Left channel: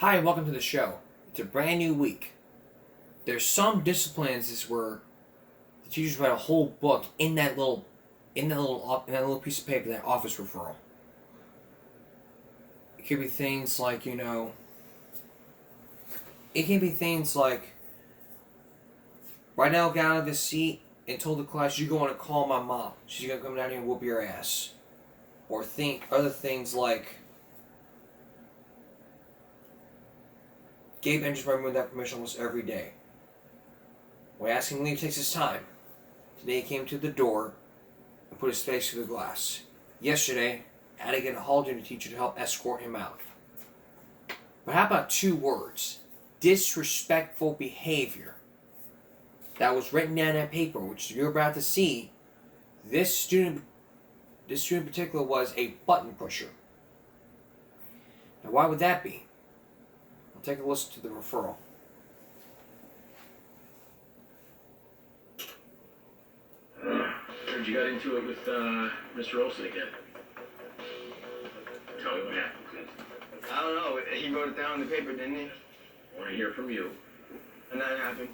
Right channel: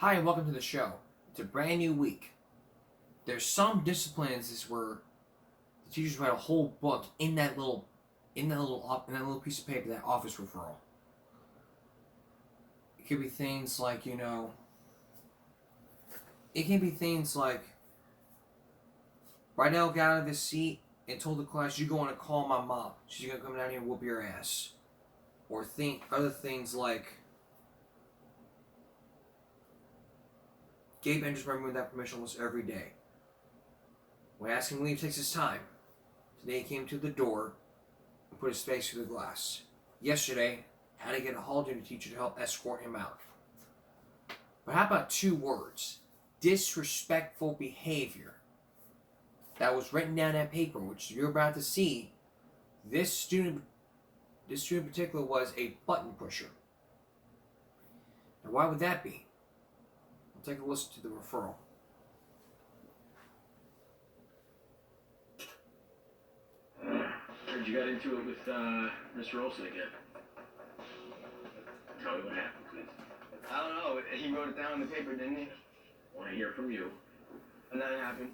Hi, and welcome to the show. It's a brand new week. There's some disciplines where the teachers write a whole book in that little piece of paper, that office referral. It could be things like it can be things like right now, get out of this seat and told the class you're going to call my mom. She's gonna come down here and whoop your ass. Or think other things like Gabe enters my room without permission almost every day. When asking leave takes his time. Today he came to the door and put his face through the glass. Yesterday, I had to get a hall duty teacher to help escort him out. But how about two words? Disrespectful behavior. That was written down in that paper, which you're about to see. This student in particular was a button pusher. Now why would that be? We'll take a listen to the referral. Heard you got into it with Mr. Olson again. Tell me what happened, please. I don't know. He wrote it down in the paper, didn't he? I want to hear from you. And that happened.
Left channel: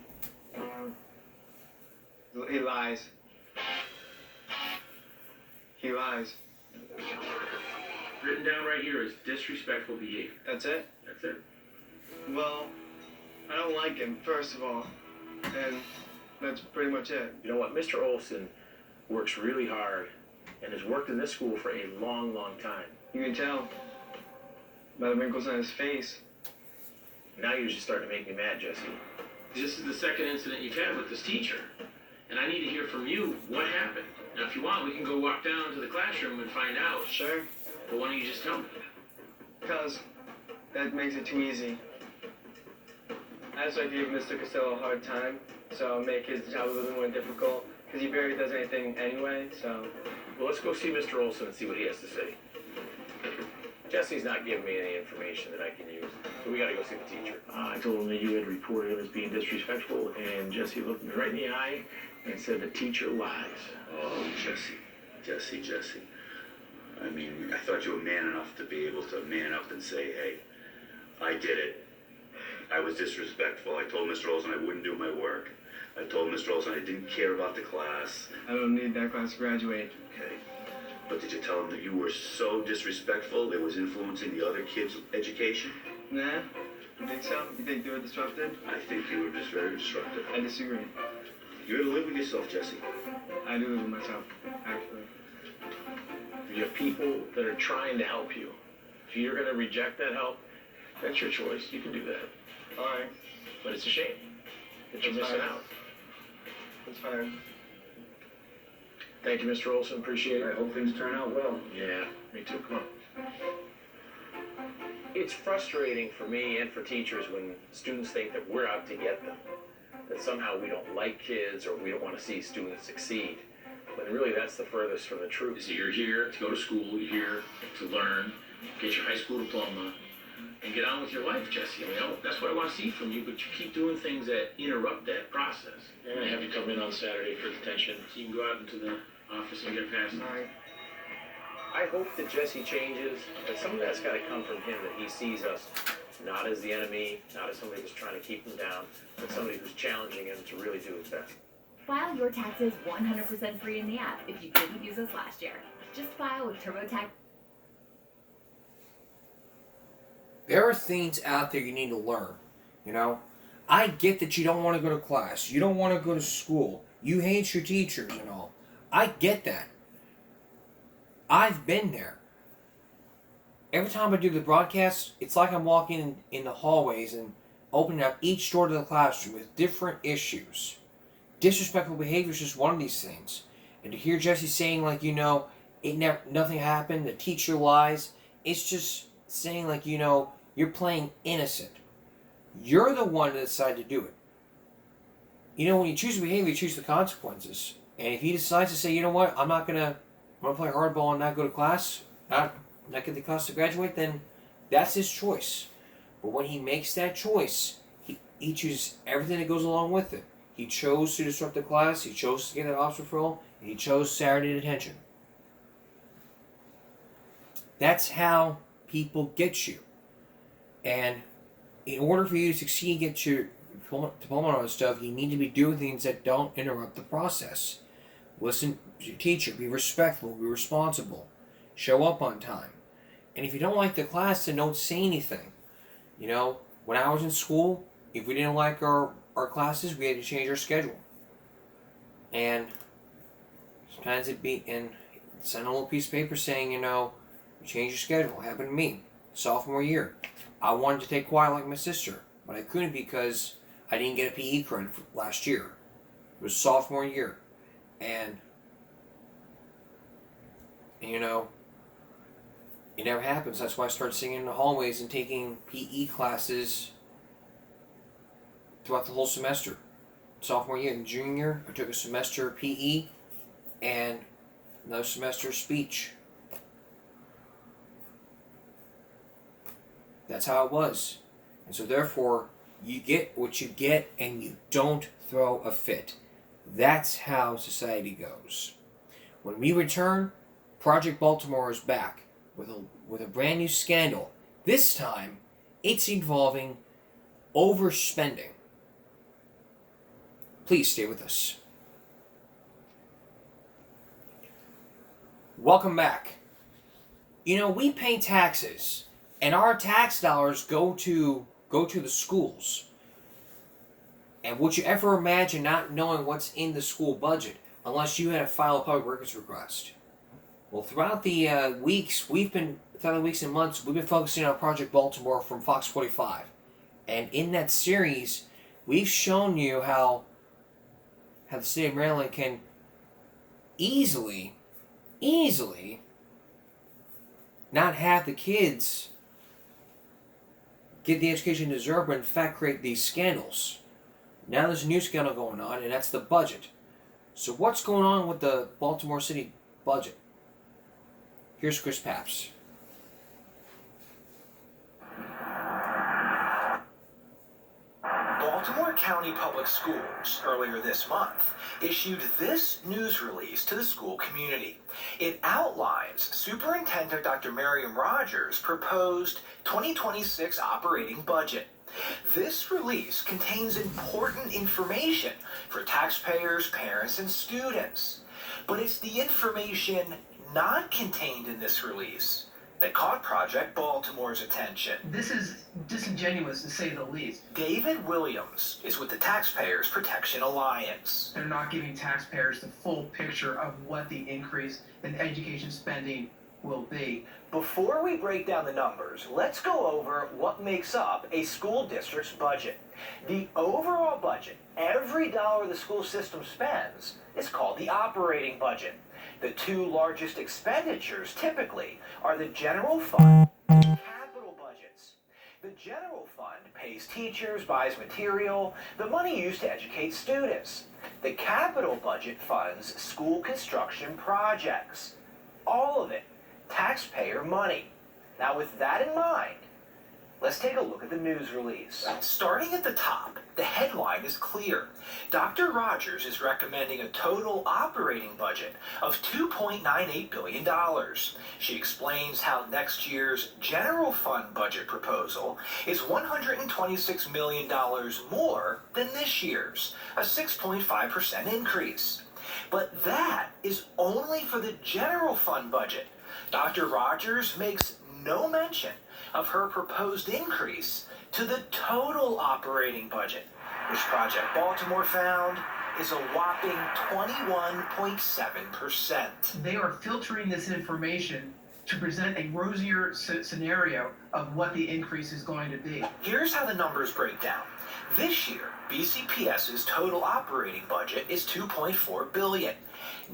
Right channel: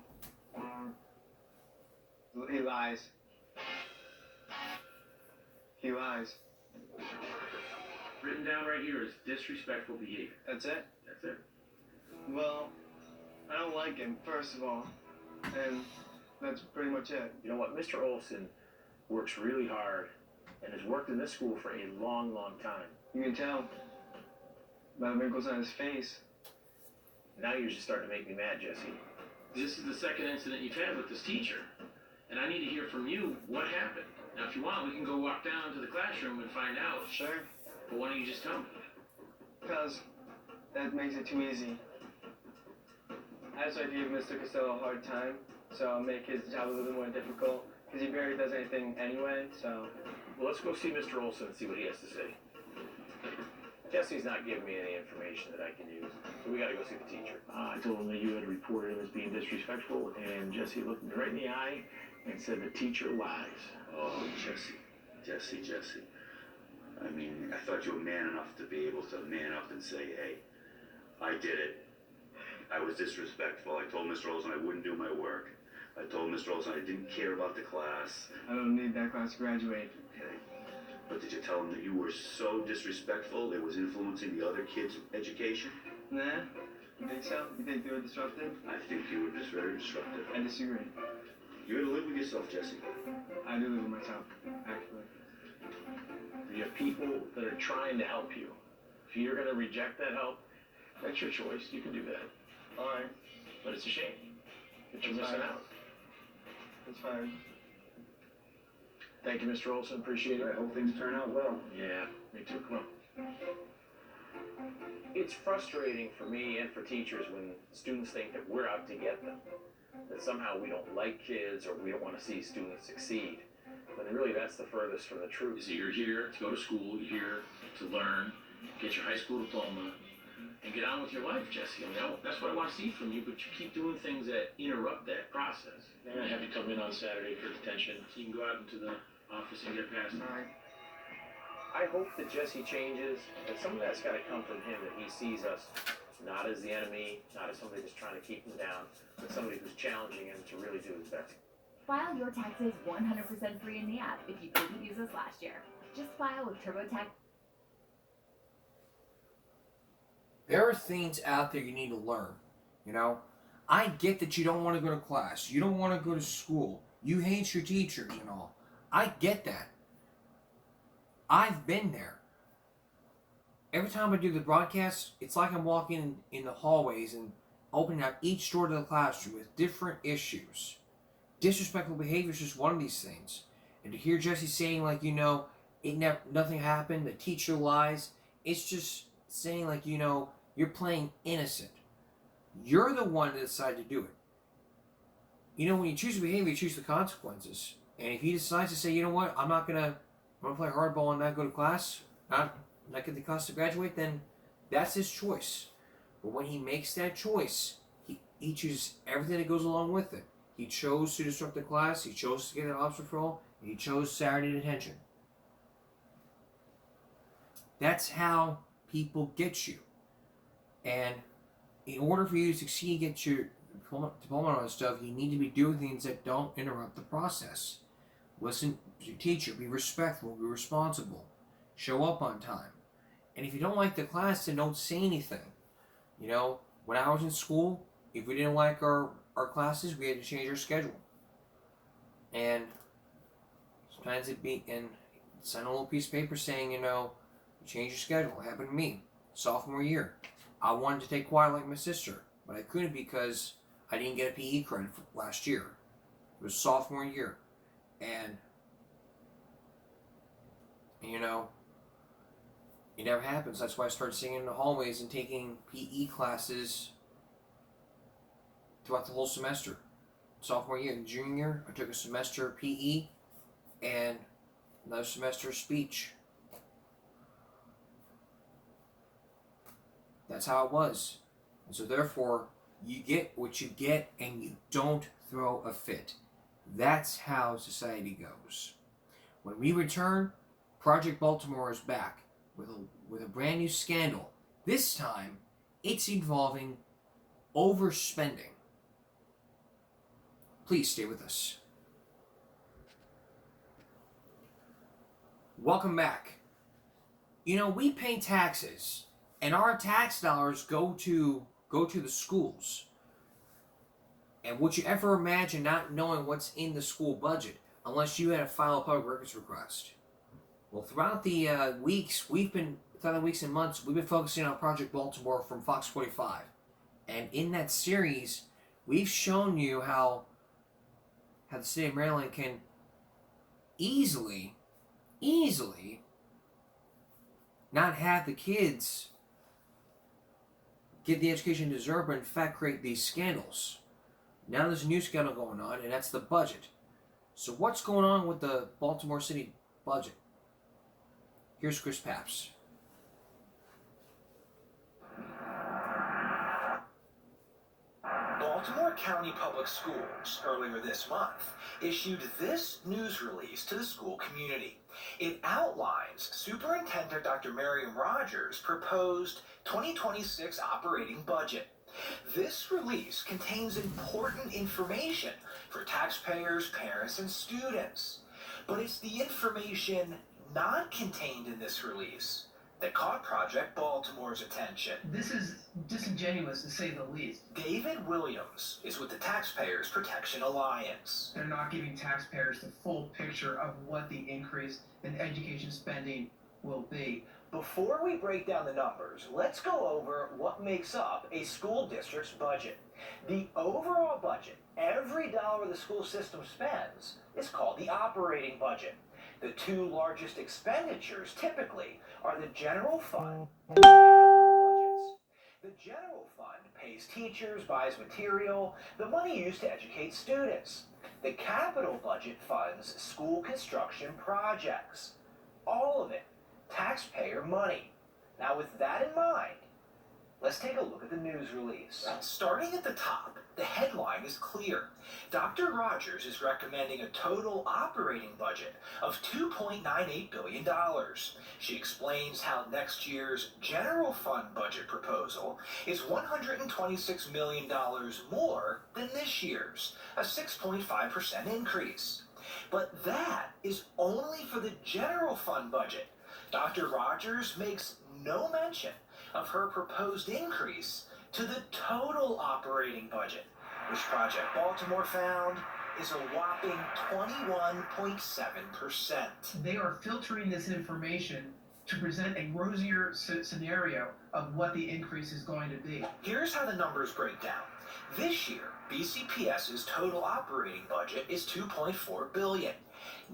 He lies. He lies. Written down right here is disrespectful behavior. That's it? That's it. Well, I don't like him, first of all. And that's pretty much it. You know what? Mr. Olson works really hard and has worked in this school for a long, long time. You can tell by the wrinkles on his face. Now you're just starting to make me mad, Jesse. This is the second incident you've had with this teacher. And I need to hear from you what happened. Now, if you want, we can go walk down to the classroom and find out. Sure. But why don't you just tell me? Because that makes it too easy. I just like to give Mr. Costello a hard time, so I'll make his job a little bit more difficult, because he barely does anything anyway, so... Well, let's go see Mr. Olson and see what he has to say. Jesse's not giving me any information that I can use, so we gotta go see the teacher. I told him that you had reported him as being disrespectful, and Jesse looked me right in the eye and said the teacher lies. Oh, Jesse. I mean, I thought you were man enough to be able to man up and say, hey, I did it. I was disrespectful. I told Mr. Olson I wouldn't do my work. I told Mr. Olson I didn't care about the class. I don't need that class to graduate. Okay. But did you tell him that you were so disrespectful it was influencing the other kids' education? Nah? You think so? You think they were disrupted? I think you were just very disruptive. I disagree. You gotta live with yourself, Jesse. I do live with myself, actually. You have people that are trying to help you. If you're gonna reject that help, that's your choice. You can do that. Alright. But it's a shame that you're That's missing fine. out. That's fine. Thank you, Mr. Olson. Appreciate it. I hope things turn out well. Yeah, me too. Come on. It's frustrating for me and for teachers when students think that we're out to get them. That somehow we don't like kids or we don't want to see students succeed. When really that's the furthest from the truth. So you're here to go to school, you're here to learn, get your high school diploma, and get on with your life, Jesse. I mean, that's what I want to see from you, but you keep doing things that interrupt that process. I'm going to have you come in on Saturday for detention so you can go out into the office and get past it. Alright. I hope that Jesse changes, but some of that's got to come from him, that he sees us not as the enemy, not as somebody who's trying to keep him down, but somebody who's challenging him to really do his best. File your taxes 100% free in the app if you didn't use us last year. Just file with TurboTax. There are things out there you need to learn. I get that you don't want to go to class. You don't want to go to school. You hate your teachers and all. I get that. I've been there. Every time I do the broadcast, it's like I'm walking in the hallways and opening up each door to the classroom with different issues. Disrespectful behavior is just one of these things. And to hear Jesse saying nothing happened, the teacher lies, it's just saying you're playing innocent. You're the one that decided to do it. When you choose behavior, you choose the consequences. And if he decides to say, you know what, I'm gonna play hardball and not go to class, not get the class to graduate, then that's his choice. But when he makes that choice, he chooses everything that goes along with it. He chose to disrupt the class, he chose to get an office referral, and he chose Saturday detention. That's how people get you. And in order for you to succeed, get your diploma and all that stuff, you need to be doing things that don't interrupt the process. Listen to your teacher. Be respectful. Be responsible. Show up on time. And if you don't like the class, then don't say anything. You know, when I was in school, if we didn't like our classes, we had to change our schedule. And sometimes it'd be, and send a little piece of paper saying, you know, you change your schedule. It happened to me, sophomore year. I wanted to take choir like my sister, but I couldn't because I didn't get a PE credit last year. It was sophomore year. And you know, it never happens. That's why I started singing in the hallways and taking PE classes throughout the whole semester. Sophomore year and junior year, I took a semester of PE and another semester of speech. That's how it was. And so therefore, you get what you get and you don't throw a fit. That's how society goes. When we return, Project Baltimore is back with a brand new scandal. This time, it's involving overspending. Please stay with us. Welcome back. You know, we pay taxes, and our tax dollars go to the schools. And would you ever imagine not knowing what's in the school budget unless you had to file a public records request? Well, throughout the weeks and months, we've been focusing on Project Baltimore from Fox 45. And in that series, we've shown you how the state of Maryland can easily not have the kids get the education they deserve, but in fact create these scandals. Now there's a new scandal going on, and that's the budget. So what's going on with the Baltimore City budget? Here's Chris Papps. Baltimore County Public Schools, earlier this month, issued this news release to the school community. It outlines Superintendent Dr. Miriam Rogers' proposed 2026 operating budget. This release contains important information for taxpayers, parents, and students. But it's the information not contained in this release that caught Project Baltimore's attention. This is disingenuous, to say the least. David Williams is with the Taxpayers Protection Alliance. They're not giving taxpayers the full picture of what the increase in education spending will be. Before we break down the numbers, let's go over what makes up a school district's budget. The overall budget, every dollar the school system spends, is called the operating budget. The two largest expenditures typically are the general fund and the capital budgets. The general fund pays teachers, buys material, the money used to educate students. The capital budget funds school construction projects. All of it taxpayer money. Now with that in mind, let's take a look at the news release. Starting at the top, the headline is clear. Dr. Rogers is recommending a total operating budget of $2.98 billion. She explains how next year's general fund budget proposal is $126 million more than this year's, a 6.5% increase. But that is only for the general fund budget. Dr. Rogers makes no mention of her proposed increase to the total operating budget, which Project Baltimore found is a whopping 21.7%. They are filtering this information to present a rosier scenario of what the increase is going to be. Here's how the numbers break down. This year, BCPS's total operating budget is $2.4 billion.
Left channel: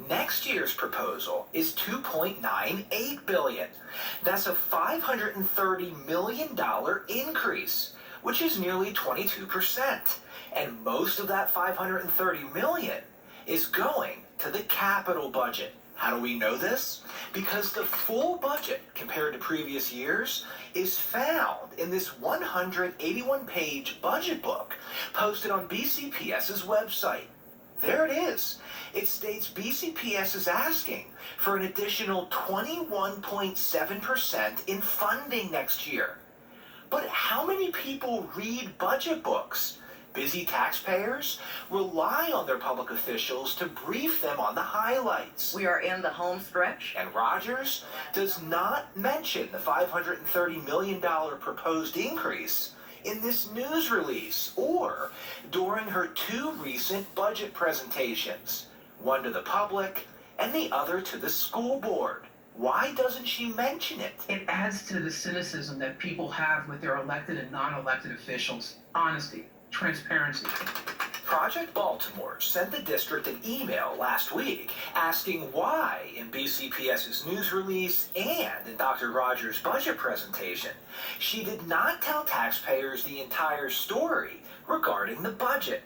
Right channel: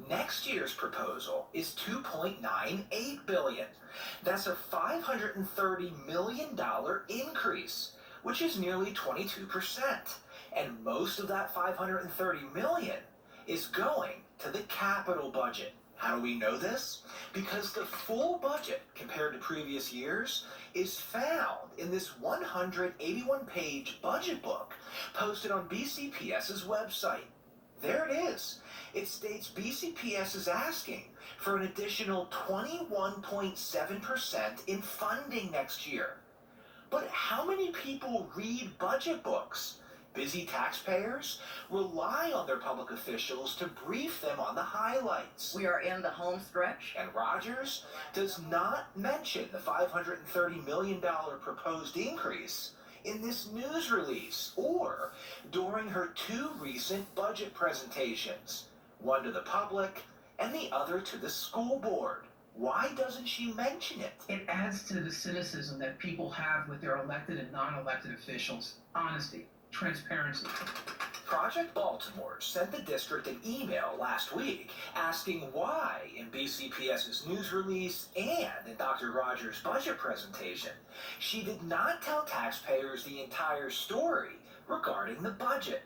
Next year's proposal is $2.98 billion. That's a $530 million increase, which is nearly 22%. And most of that $530 million is going to the capital budget. How do we know this? Because the full budget compared to previous years is found in this 181-page budget book posted on BCPS's website. There it is. It states BCPS is asking for an additional 21.7% in funding next year. But how many people read budget books? Busy taxpayers rely on their public officials to brief them on the highlights. We are in the home stretch. And Rogers does not mention the $530 million proposed increase in this news release or during her two recent budget presentations, one to the public and the other to the school board. Why doesn't she mention it? It adds to the cynicism that people have with their elected and non-elected officials. Honesty, transparency. Project Baltimore sent the district an email last week asking why in BCPS's news release and in Dr. Rogers' budget presentation, she did not tell taxpayers the entire story regarding the budget.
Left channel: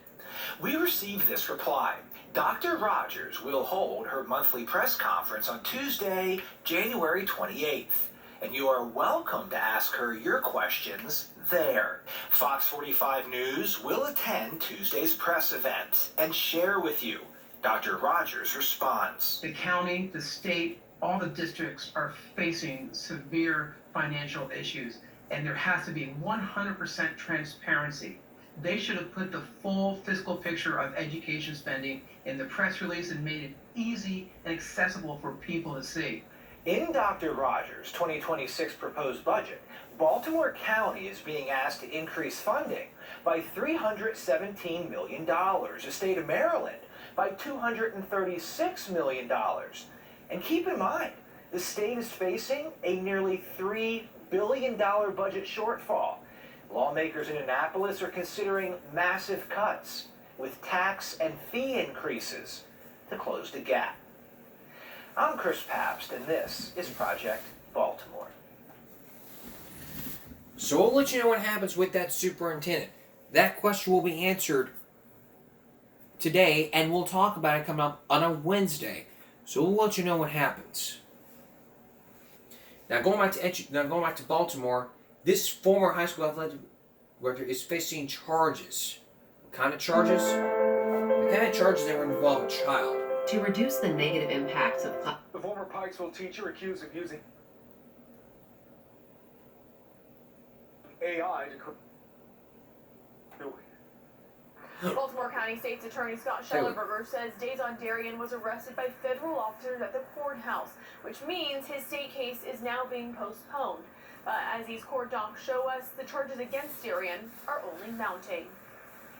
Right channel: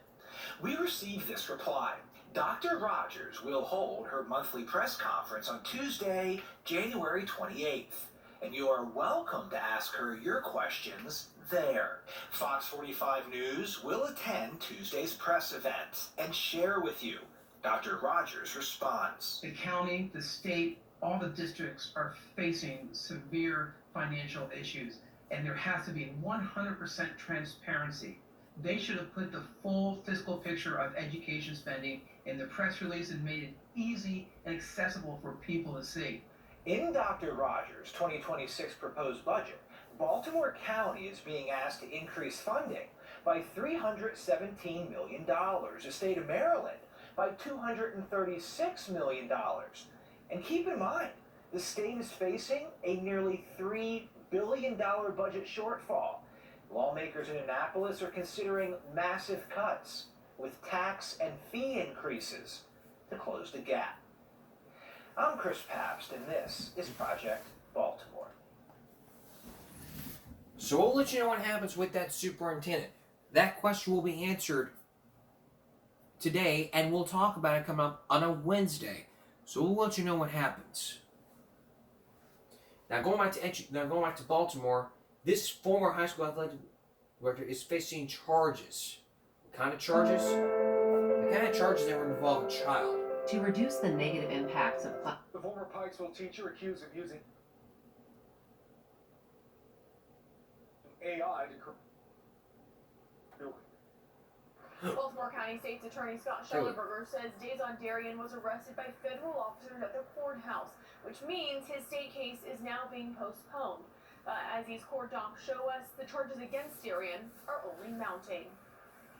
We received this reply. Dr. Rogers will hold her monthly press conference on Tuesday, January 28th, and you are welcome to ask her your questions there. Fox 45 News will attend Tuesday's press event and share with you Dr. Rogers' response. The county, the state, all the districts are facing severe financial issues, and there has to be 100% transparency. They should have put the full fiscal picture of education spending in the press release and made it easy and accessible for people to see. In Dr. Rogers' 2026 proposed budget, Baltimore County is being asked to increase funding by $317 million, the state of Maryland by $236 million. And keep in mind, the state is facing a nearly $3 billion budget shortfall. Lawmakers in Annapolis are considering massive cuts with tax and fee increases to close the gap. I'm Chris Pabst, and this is Project Baltimore. So we'll let you know what happens with that superintendent. That question will be answered today, and we'll talk about it coming up on a Wednesday. So we'll let you know what happens. Now going back to Baltimore, this former high school athletic director is facing charges. What kind of charges? The kind of charges that would involve a child. To reduce the negative impacts of The former Pikesville teacher accused of using AI to Baltimore County State's Attorney Scott Schellenberger says Dazon Darien was arrested by federal officers at the courthouse, which means his state case is now being postponed. As these court docs show us, the charges against Darien are only mounting.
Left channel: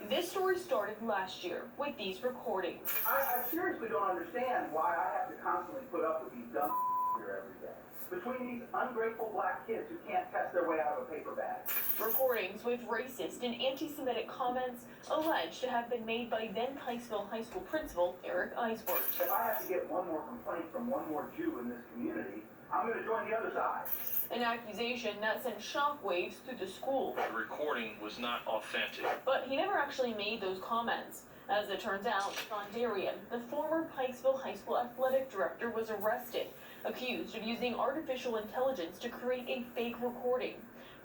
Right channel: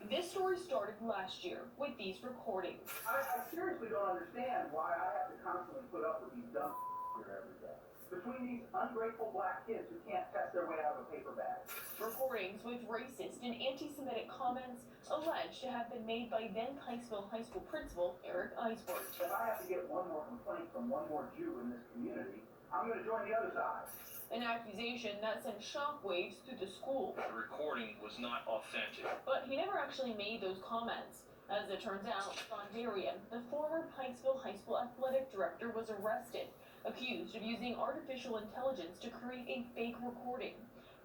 This story started last year with these recordings. I seriously don't understand why I have to constantly put up with these dumb here every day. Between these ungrateful black kids who can't test their way out of a paper bag. Recordings with racist and anti-Semitic comments alleged to have been made by then Pikesville High School principal Eric Eisworth. If I have to get one more complaint from one more Jew in this community, I'm going to join the other side. An accusation that sent shockwaves through the school. The recording was not authentic. But he never actually made those comments. As it turns out, John Darien, the former Pikesville High School athletic director, was arrested, accused of using artificial intelligence to create a fake recording.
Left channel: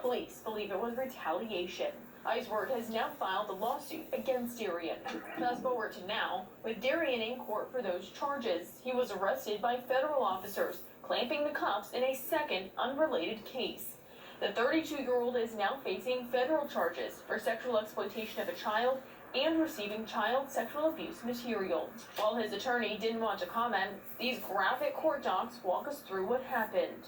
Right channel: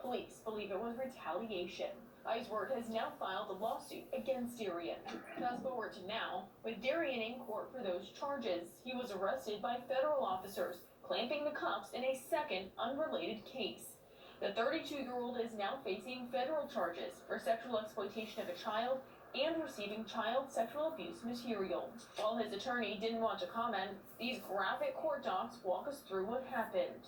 Police believe it was retaliation. Eisworth has now filed a lawsuit against Darien. Fast forward to now, with Darien in court for those charges, he was arrested by federal officers, clamping the cuffs in a second unrelated case. The 32-year-old is now facing federal charges for sexual exploitation of a child and receiving child sexual abuse material. While his attorney didn't want to comment, these graphic court docs walk us through what happened.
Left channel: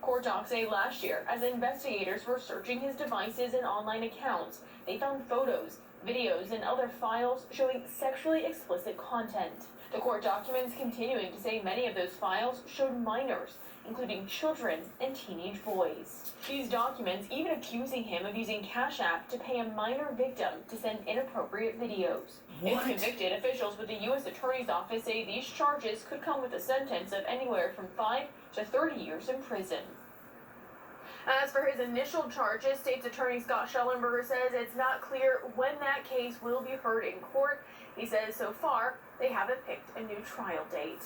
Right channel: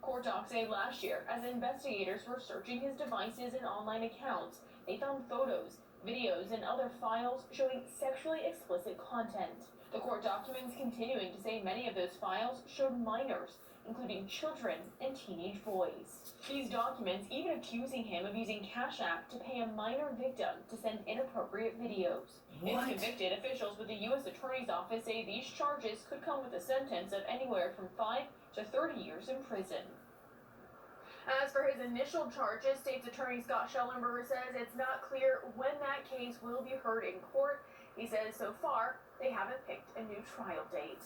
Court docs say last year, as investigators were searching his devices and online accounts, they found photos, videos, and other files showing sexually explicit content. The court documents continuing to say many of those files showed minors, including children and teenage boys. These documents even accusing him of using Cash App to pay a minor victim to send inappropriate videos. If convicted, officials with the U.S. Attorney's Office say these charges could come with a sentence of anywhere from 5 to 30 years in prison. As for his initial charges, State's Attorney Scott Schellenberger says it's not clear when that case will be heard in court. He says so far, they haven't picked a new trial date.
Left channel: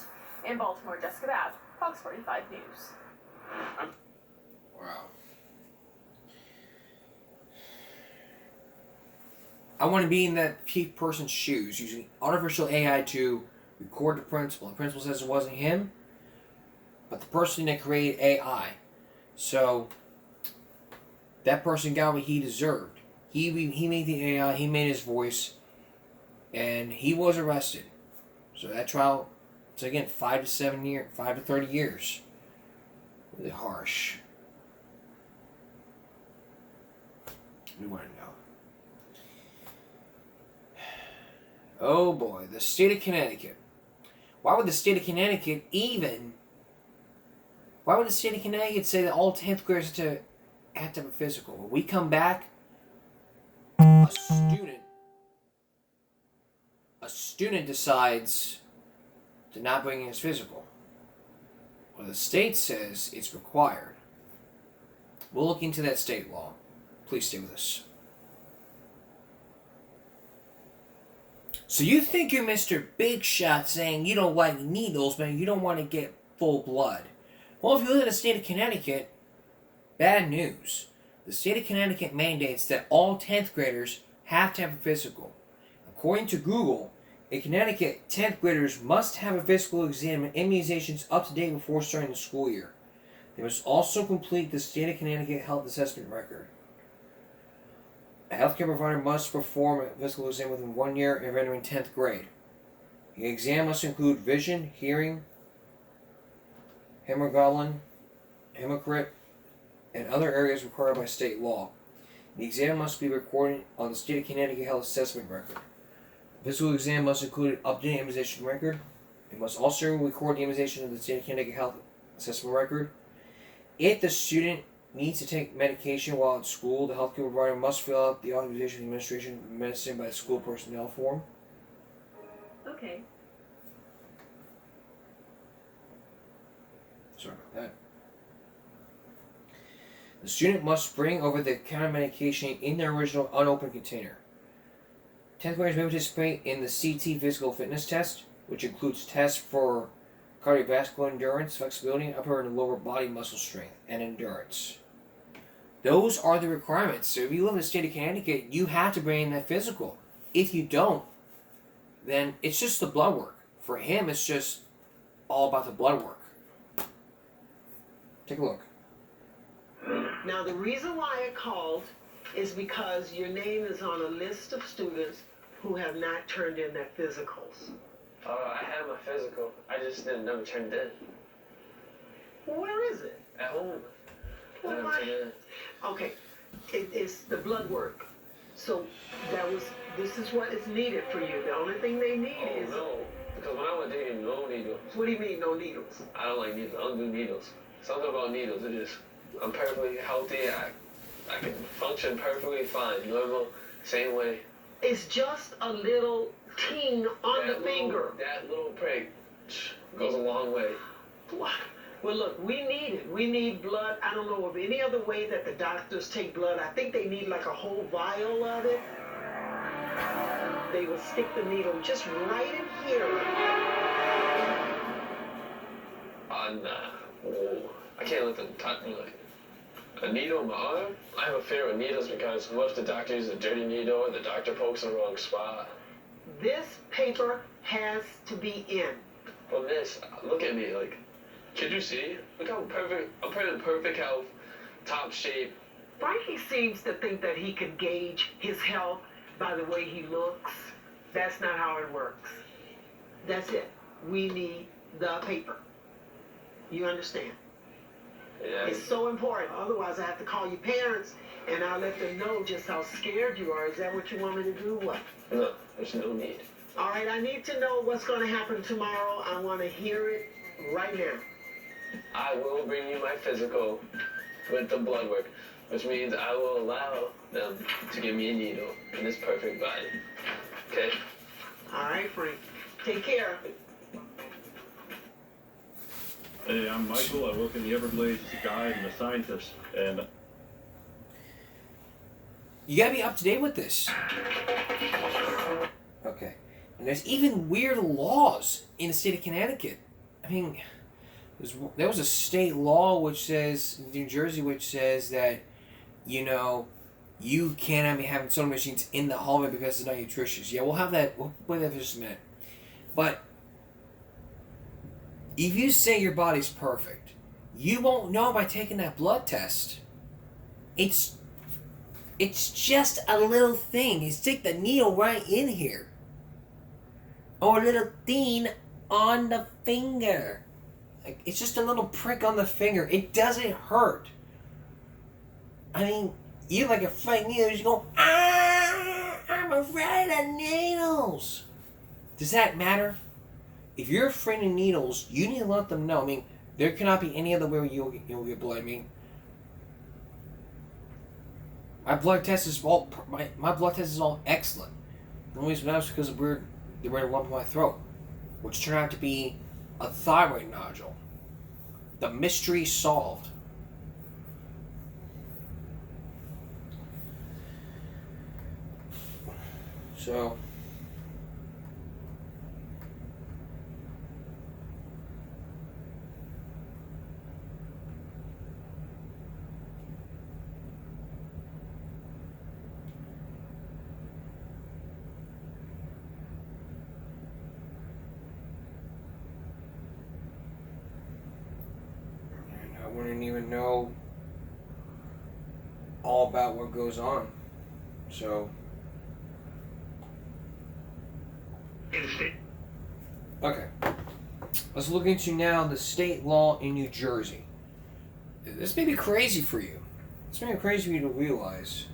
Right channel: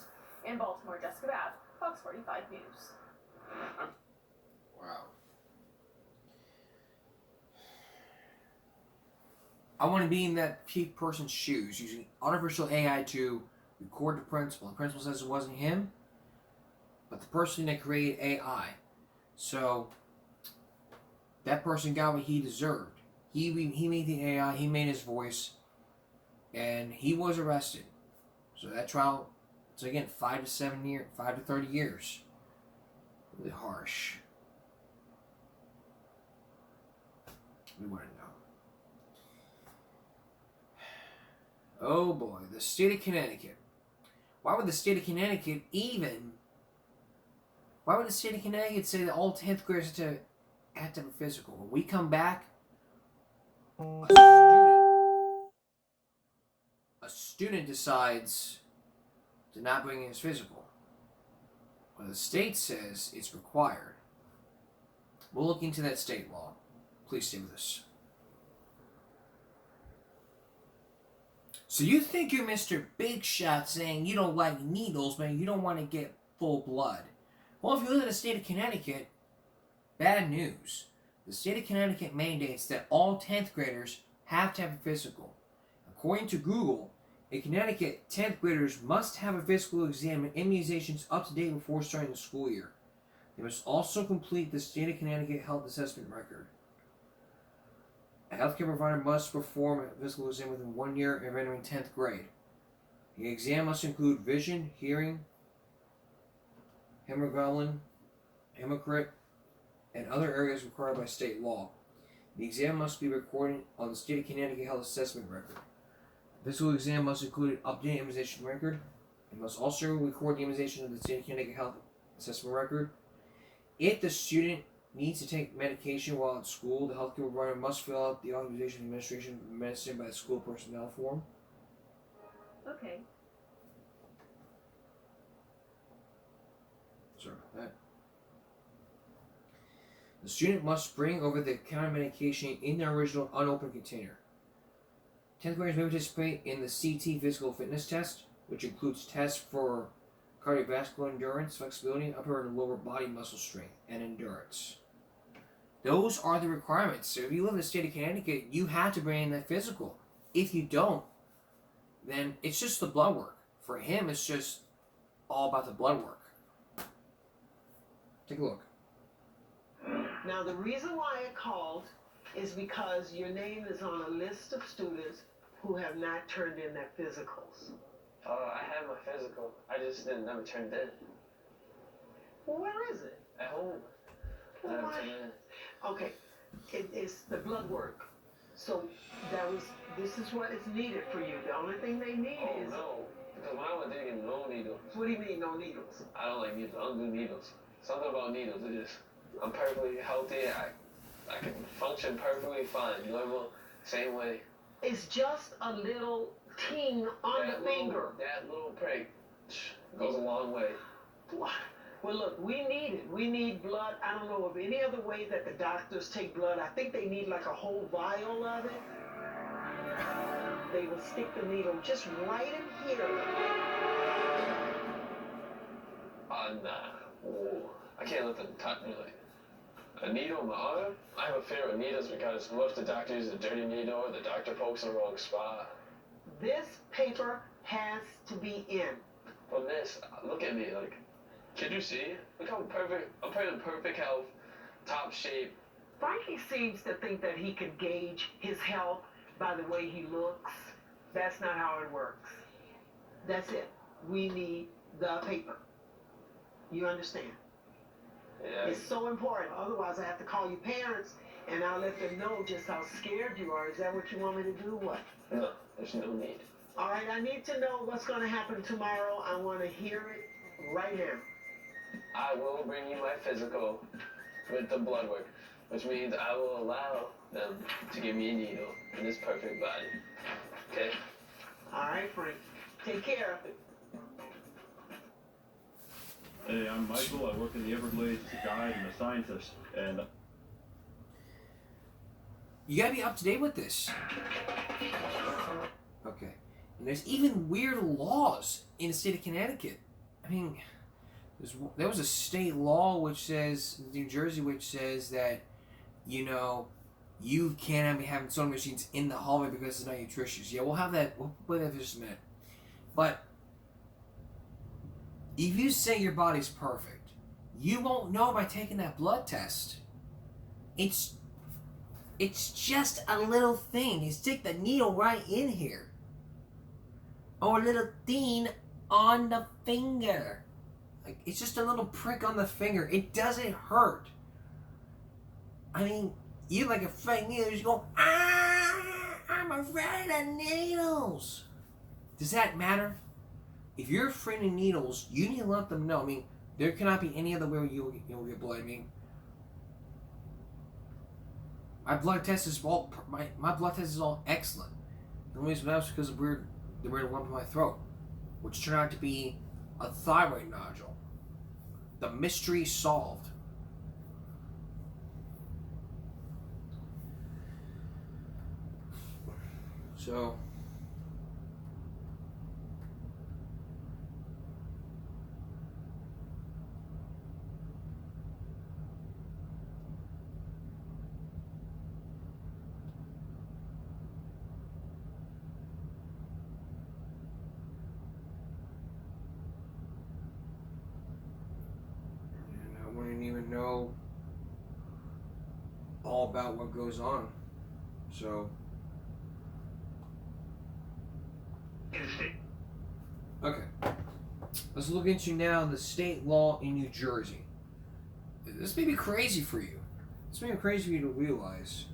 In Baltimore, Jessica Babb, Fox 45 News. Wow. I want to be in that person's shoes, using artificial AI to record the principal. The principal says it wasn't him, but the person that created AI. So, that person got what he deserved. He made the AI, he made his voice, and he was arrested. So that trial, so again, 5 to 30 years. Really harsh. We want to know. Oh boy, the state of Connecticut. Why would the state of Connecticut say that all 10th graders have to have a physical? When we come back, a student decides to not bring in his physical. Well, the state says it's required. We'll look into that state law. Please stay with us. So you think you're Mr. Big Shot saying you don't like needles, man, you don't want to get full blood. Well, if you live in the state of Connecticut, bad news. The state of Connecticut mandates that all 10th graders have to have a physical. According to Google, in Connecticut, 10th graders must have a physical exam and immunizations up to date before starting the school year. They must also complete the state of Connecticut health assessment record. A healthcare provider must perform a physical exam within 1 year of entering 10th grade. The exam must include vision, hearing, hemoglobin, hematocrit, and other areas required by state law. The exam must be recorded on the state of Connecticut health assessment record. The physical exam must include an updated immunization record. It must also record the immunization of the state of Connecticut health assessment record. If the student needs to take medication while at school, the healthcare provider must fill out the authorization and administration of medicine by the school personnel form. Okay. Sorry about that. The student must bring over the counter medication in their original unopened container. 10th graders may participate in the CT physical fitness test, which includes tests for cardiovascular endurance, flexibility, and upper and lower body muscle strength and endurance. Those are the requirements. So if you live in the state of Connecticut, you have to bring in that physical. If you don't, then it's just the blood work. For him, it's just all about the blood work. Take a look. Now, the reason why I called is because your name is on a list of students who have not turned in their physicals. I had my physical. I just never turned it in. Where is it? At home. I Well, never why- turned it in. Okay, it's the blood work. So this is what is needed for you. The only thing they need Oh is, no, because when I went there, no needles. what do you mean no needles? I don't like needles. I don't do needles. Something about needles. It is. I'm perfectly healthy. I can function perfectly fine. Normal, same way. It's just a little ting on the finger. That little prick goes a long way. What? Well, look, we need it. We need blood. I don't know of any other way that the doctors take blood. I think they need like a whole vial of it. They will stick the needle just right in here. Nah. Ooh, I can't let them touch me like a needle in my arm. I have a fear of needles because what if the doctor uses a dirty needle or the doctor pokes in the wrong spot? This paper has to be in. But miss, look at me, like, could you see? Look how perfect, I'm in perfect health, top shape. Frankie seems to think that he can gauge his health by the way he looks. That's not how it works. That's it. We need the paper. You understand? Yeah. It's so important. Otherwise, I have to call your parents and I'll let them know just how scared you are. Is that what you want me to do? What? No, there's no need. All right, I need to know what's going to happen tomorrow. I want to hear it right now. I will bring you my physical with the blood work, which means I will allow them to give me a needle in this perfect body. Okay? All right, Frank. Take care. Hey, I'm Michael. I work in the Everglades as a guide and a scientist, and You gotta be up to date with this. Okay. And there's even weird laws in the state of Connecticut. I mean, there was a state law which says, New Jersey, which says that, you know, you can't be having soda machines in the hallway because it's not nutritious. Yeah, we'll have that. We'll put that for just a minute. But if you say your body's perfect, you won't know by taking that blood test. It's It's just a little thing. You stick the needle right in here. Or a little thing on the finger. Like, it's just a little prick on the finger. It doesn't hurt. I mean, you like afraid of needles, you go, ah, I'm afraid of needles. Does that matter? If you're afraid of needles, you need to let them know. I mean, there cannot be any other way where you'll get blood. I mean, my blood test is all excellent. The only reason that's because of the weird lump in my throat, which turned out to be a thyroid nodule. The mystery solved. So, I wouldn't even know all about what goes on. So, okay. Let's look into now the state law in New Jersey. This may be crazy for you. This may be crazy for you to realize.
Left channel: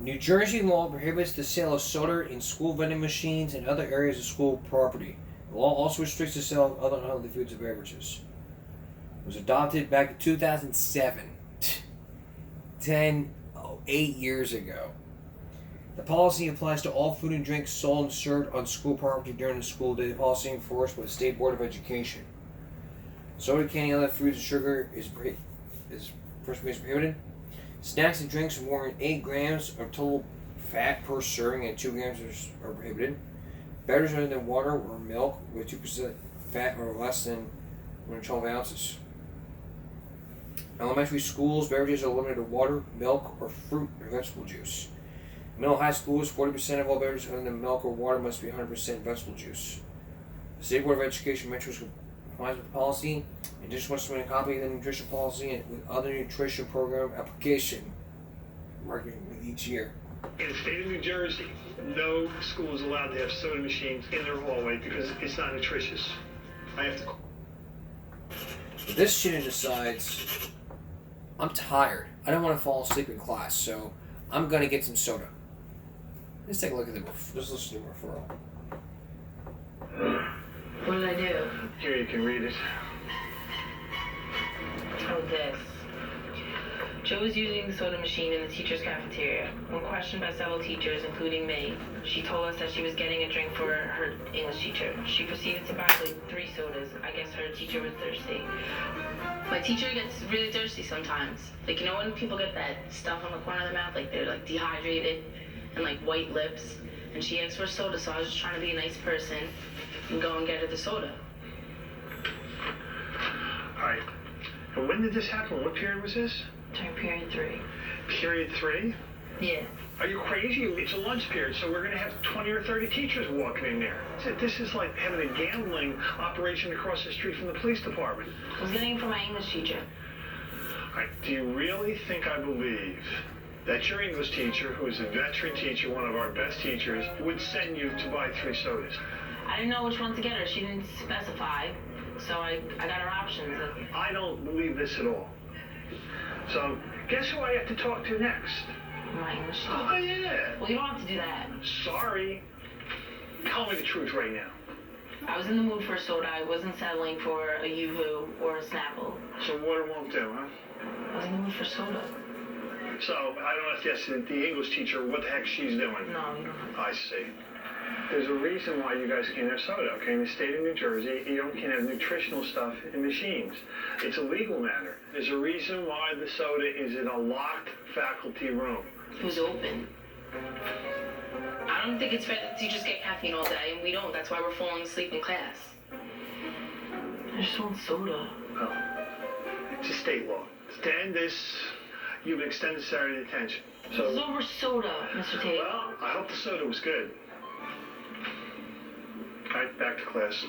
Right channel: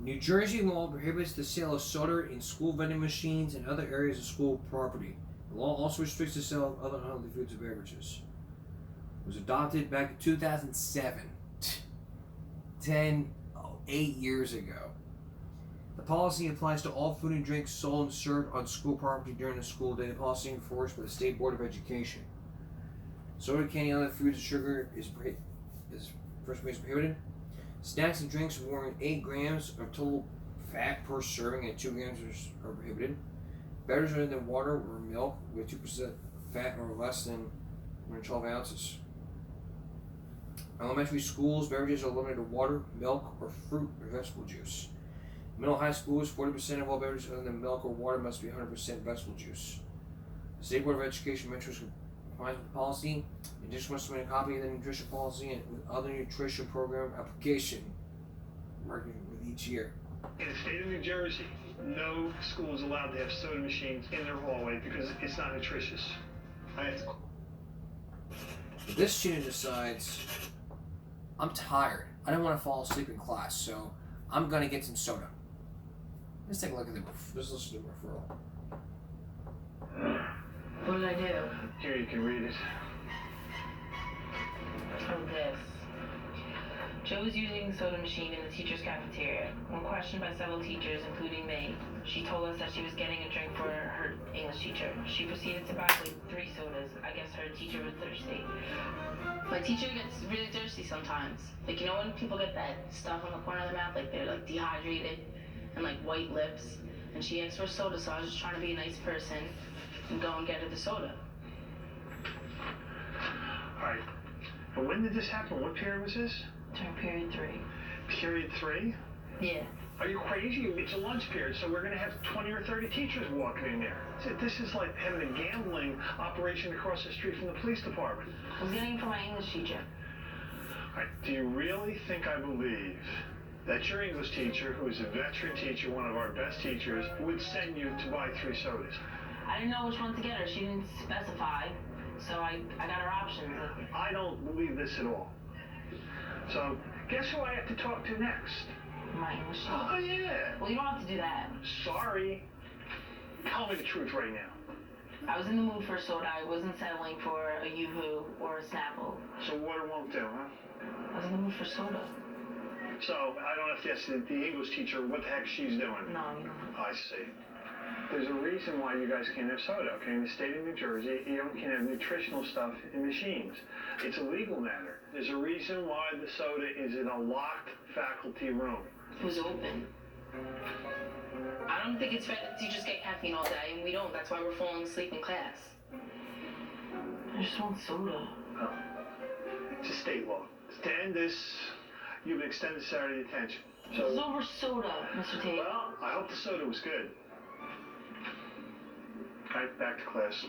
New Jersey law prohibits the sale of soda in school vending machines and other areas of school property. The law also restricts the sale of other unhealthy foods and beverages. It was adopted back in 2007. 8 years ago. The policy applies to all food and drinks sold and served on school property during the school day. The policy enforced by the State Board of Education. Soda, candy, and other foods and sugar is prohibited. Snacks and drinks of more than 8 grams of total fat per serving and 2 grams are prohibited. Beverages other than water or milk with 2% fat or less than 112 ounces. Elementary schools, beverages are limited to water, milk, or fruit or vegetable juice. Middle high schools, 40% of all beverages other than milk or water must be 100% vegetable juice. The State Board of Education mentions complies with the policy. In addition, must submit a copy of the nutrition policy and with other nutrition program application marketing with each year. In the state of New Jersey, no school is allowed to have soda machines in their hallway because it's not nutritious. I have to. But this student decides, I'm tired. I don't want to fall asleep in class, so I'm gonna get some soda. Let's take a look at let's listen to the referral. What did I do? Here, you can read it. Oh, this. Joe was using the soda machine in the teacher's cafeteria. When questioned by several teachers, including me, she told us that she was getting a drink for her English teacher. She proceeded to buy like 3 sodas. I guess her teacher was thirsty. My teacher gets really thirsty sometimes. Like, you know when people get that stuff on the corner of their mouth? Like, they're, like, dehydrated and, like, white lips. And she asked for soda, so I was just trying to be a nice person and go and get her the soda. All right. And when did this happen? What period was this? During period 3. Period 3? Yeah. Are you crazy? It's a lunch period, so we're going to have 20 or 30 teachers walking in there. This is like having a gambling operation across the street from the police department. I was getting it for my English teacher. All right, do you really think I believe that your English teacher, who is a veteran teacher, one of our best teachers, would send you to buy 3 sodas? I didn't know which one to get her. She didn't specify, so I got her options. I don't believe this at all. So, guess who I have to talk to next? My English teacher. Oh, yeah. Well, you don't have to do that. Sorry. Tell me the truth right now. I was in the mood for a soda. I wasn't settling for a Yoo-hoo or a Snapple. So water won't do, huh? I was in the mood for soda. So, I don't have to ask the English teacher what the heck she's doing. No, you don't. I see. There's a reason why you guys can't have soda, okay? In the state of New Jersey, you can't have nutritional stuff in machines. It's a legal matter. There's a reason why the soda is in a locked faculty room. It was open. I don't think it's fair that teachers get caffeine all day and we don't. That's why we're falling asleep in class. I just want soda. Well, it's a state law. To end this, you've been extended Saturday detention. So This is over soda, Mr. Tate. Well, I hope the soda was good. All right, back to class.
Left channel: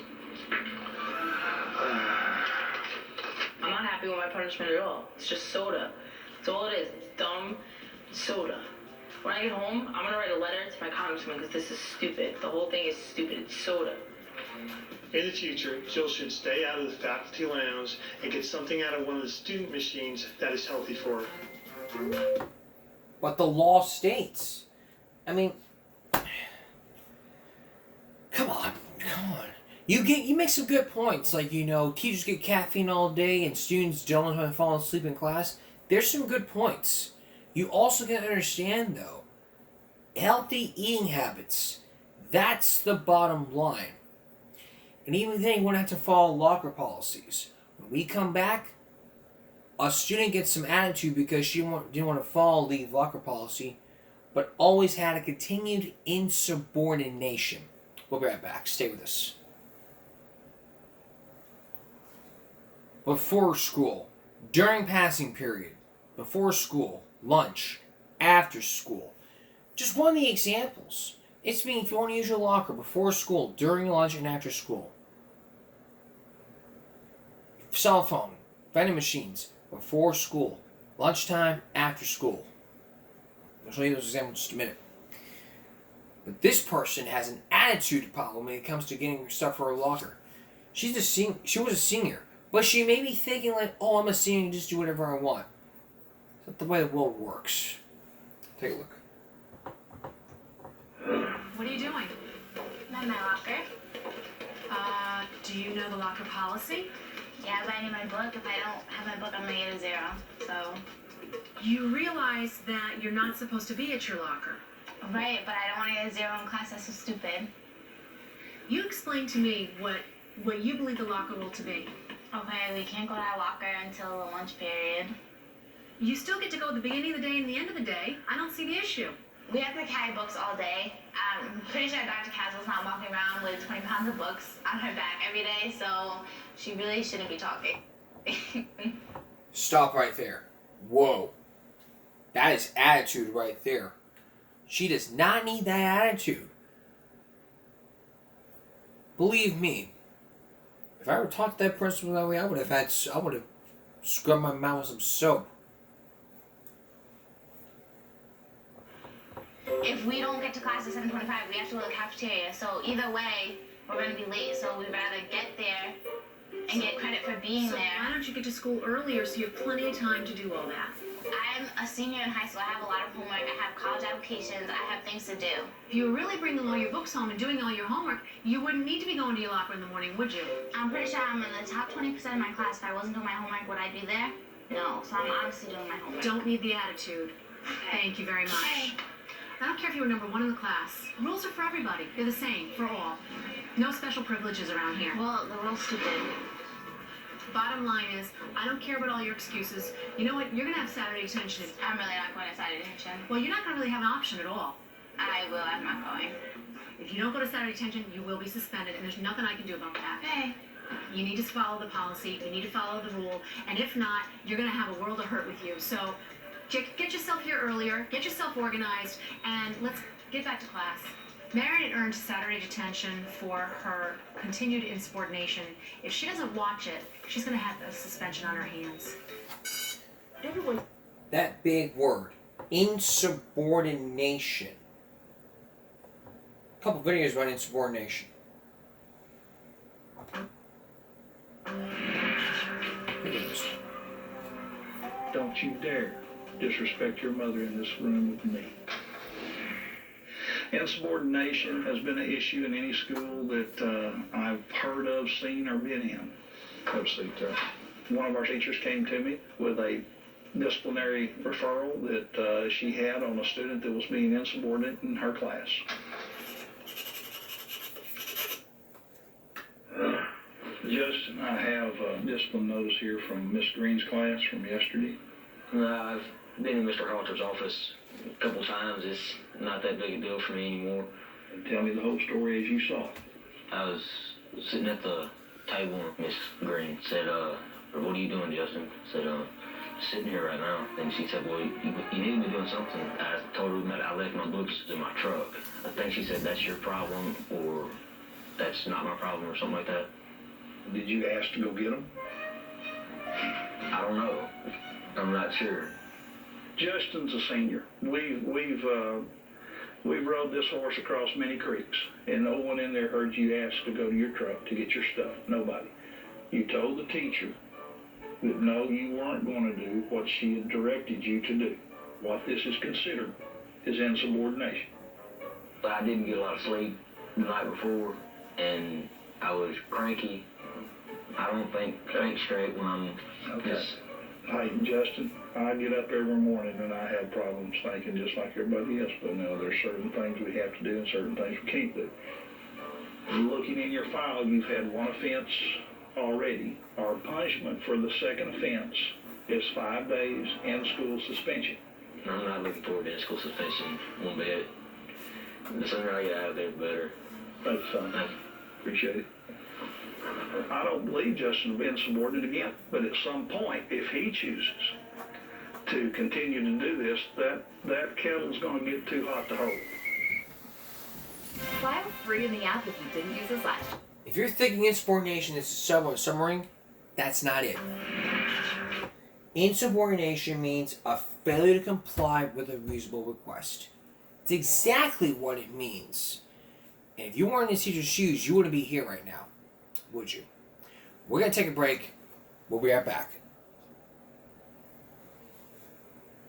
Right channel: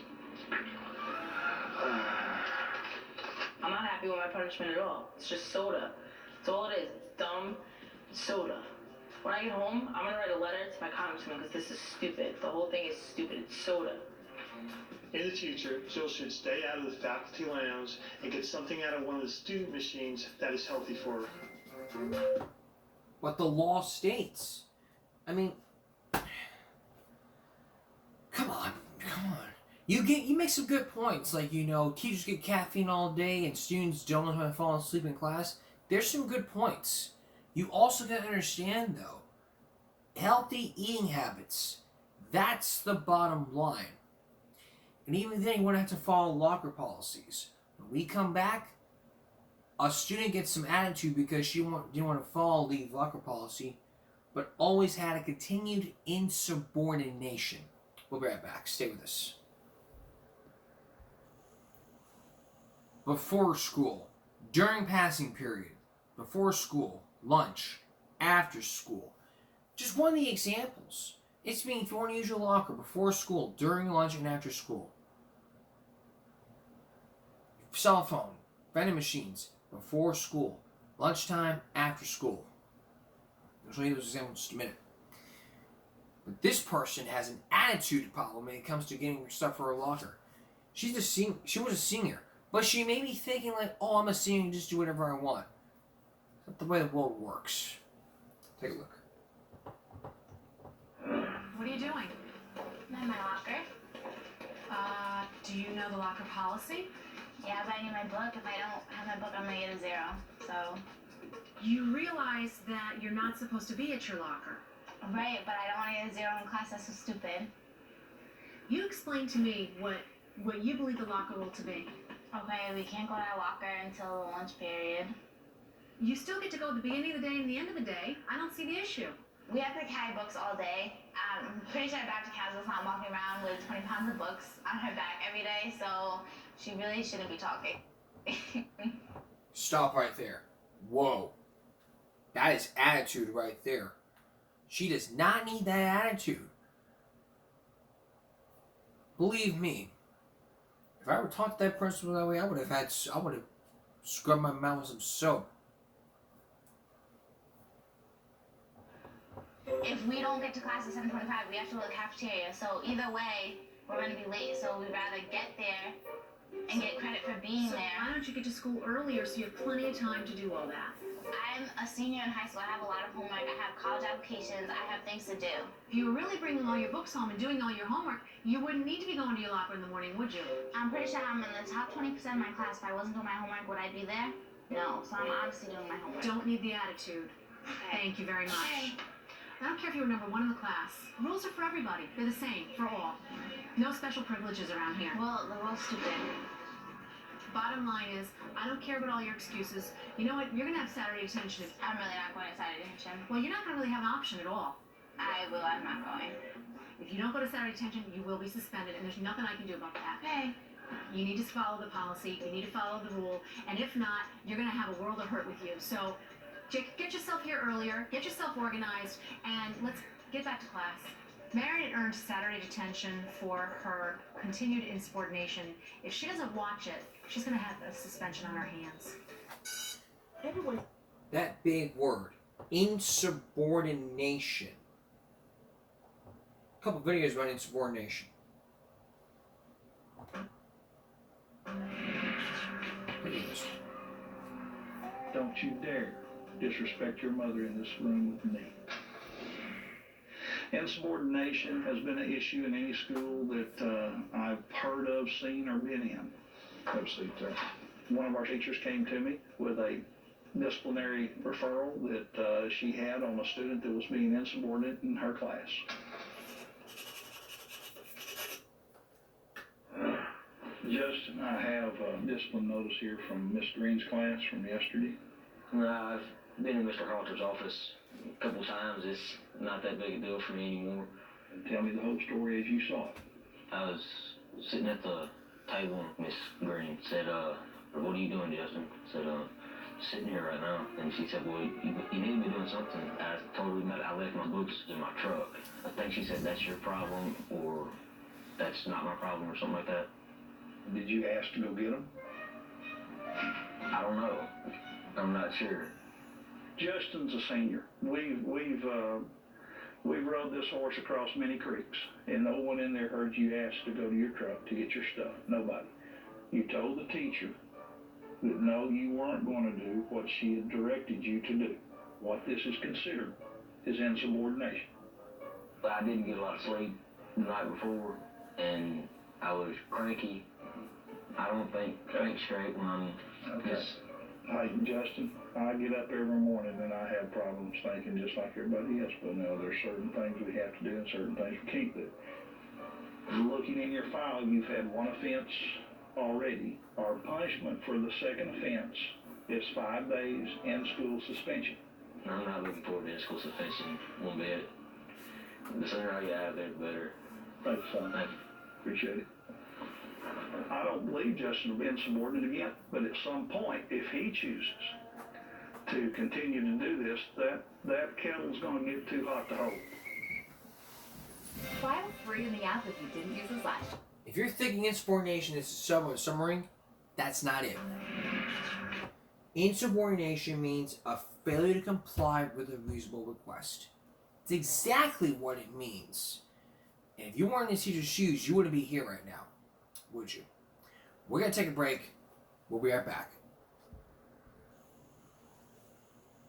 I'm not happy with my punishment at all. It's just soda. That's all it is. It's dumb soda. When I get home, I'm gonna write a letter to my congressman because this is stupid. The whole thing is stupid. It's soda. In the future, Jill should stay out of the faculty lounge and get something out of one of the student machines that is healthy for her. What the law states. I mean, come on. You make some good points, like, you know, teachers get caffeine all day and students don't want to fall asleep in class. There's some good points. You also got to understand, though, healthy eating habits. That's the bottom line. And even then, you won't have to follow locker policies. When we come back, a student gets some attitude because she didn't want to follow the locker policy, but always had a continued insubordination. We'll be right back. Stay with us. Before school, during passing period, before school, lunch, after school. Just one of the examples. It's mean if you want to use your locker before school, during lunch, and after school. Cell phone, vending machines, before school, lunchtime, after school. I'll show you those examples in just a minute. But this person has an attitude problem when it comes to getting stuff for her locker. She was a senior, but she may be thinking like, oh, I'm a senior, just do whatever I want. That's not the way the world works. Take a look. What are you doing? I'm in my locker. Do you know the locker policy? Yeah, but I need my book. If I don't have my book, I'm gonna get a 0. So. You realize that you're not supposed to be at your locker. Right, but I don't want to get a 0 in class. That's so stupid. You explain to me what you believe the locker rule to be. Okay, we can't go to our locker until the lunch period. You still get to go at the beginning of the day and the end of the day. I don't see the issue. We have to carry books all day. I'm pretty sure Dr. Caswell's not walking around with 20 pounds of books on her back every day, so she really shouldn't be talking. Stop right there. Whoa. That is attitude right there. She does not need that attitude. Believe me, if I ever talked to that principal that way, I would have scrubbed my mouth with some soap. If we don't get to class at 7:25, we have to go to the cafeteria. So either way, we're going to be late. So we'd rather get there and get credit for being there. Why don't you get to school earlier so you have plenty of time to do all that? I'm a senior in high school. I have a lot of homework. I have college applications. I have things to do. If you were really bringing all your books home and doing all your homework, you wouldn't need to be going to your locker in the morning, would you? I'm pretty sure I'm in the top 20% of my class. If I wasn't doing my homework, would I be there? No. So I'm obviously doing my homework. Don't need the attitude. Thank you very much. Okay. I don't care if you were number 1 in the class. Rules are for everybody. They're the same for all. No special privileges around here. Well, the rule's stupid. Bottom line is, I don't care about all your excuses. You know what? You're going to have Saturday detention. I'm really not going to Saturday detention. Well, you're not going to really have an option at all. I will. I'm not going. If you don't go to Saturday detention, you will be suspended, and there's nothing I can do about that. Okay. You need to follow the policy. You need to follow the rule. And if not, you're going to have a world of hurt with you. So get yourself here earlier, get yourself organized, and let's get back to class. Marion earned Saturday detention for her continued insubordination. If she doesn't watch it, she's going to have a suspension on her hands. Everyone. That big word, insubordination. A couple videos about insubordination. Don't you dare disrespect your mother in this room with me. Insubordination has been an issue in any school that I've heard of, seen, or been in. Have a seat there. One of our teachers came to me with a disciplinary referral that she had on a student that was being insubordinate in her class. Justin, I have a discipline notice here from Miss Green's class from yesterday. I've been in Mr. Halter's office a couple times. It's not that big a deal for me anymore. And tell me the whole story as you saw it. I was sitting at the table and Miss Green said, what are you doing, Justin? I said, sitting here right now. And she said, well, you need to be doing something. I told her that I left my books in my truck. I think she said, that's your problem, or that's not my problem, or something like that. Did you ask to go get them? I don't know. I'm not sure. Justin's a senior. We've rode this horse across many creeks, and no one in there heard you ask to go to your truck to get your stuff. Nobody. You told the teacher that no, you weren't going to do what she had directed you to do. What this is considered is insubordination. But I didn't get a lot of sleep the night before, and I was cranky. I don't think straight when I'm just... Hey, Justin, I get up every morning and I have problems thinking just like everybody else, but now there's certain things we have to do and certain things we can't do. Looking in your file, you've had one offense already. Our punishment for the second offense is 5 days and school suspension. I'm not looking forward to school suspension one bit. The sooner I get out of there, the better. Thanks, son. Appreciate it. I don't believe Justin will be insubordinate again, but at some point, if he chooses to continue to do this, that kettle's going to get too hot to hold. File free in the app if you didn't use this last year. If you're thinking insubordination is submarine, that's not it. Insubordination means a failure to comply with a reasonable request. It's exactly what it means. And if you weren't in the teacher's shoes, you wouldn't be here right now, would you? We're going to take a break. We'll be right back.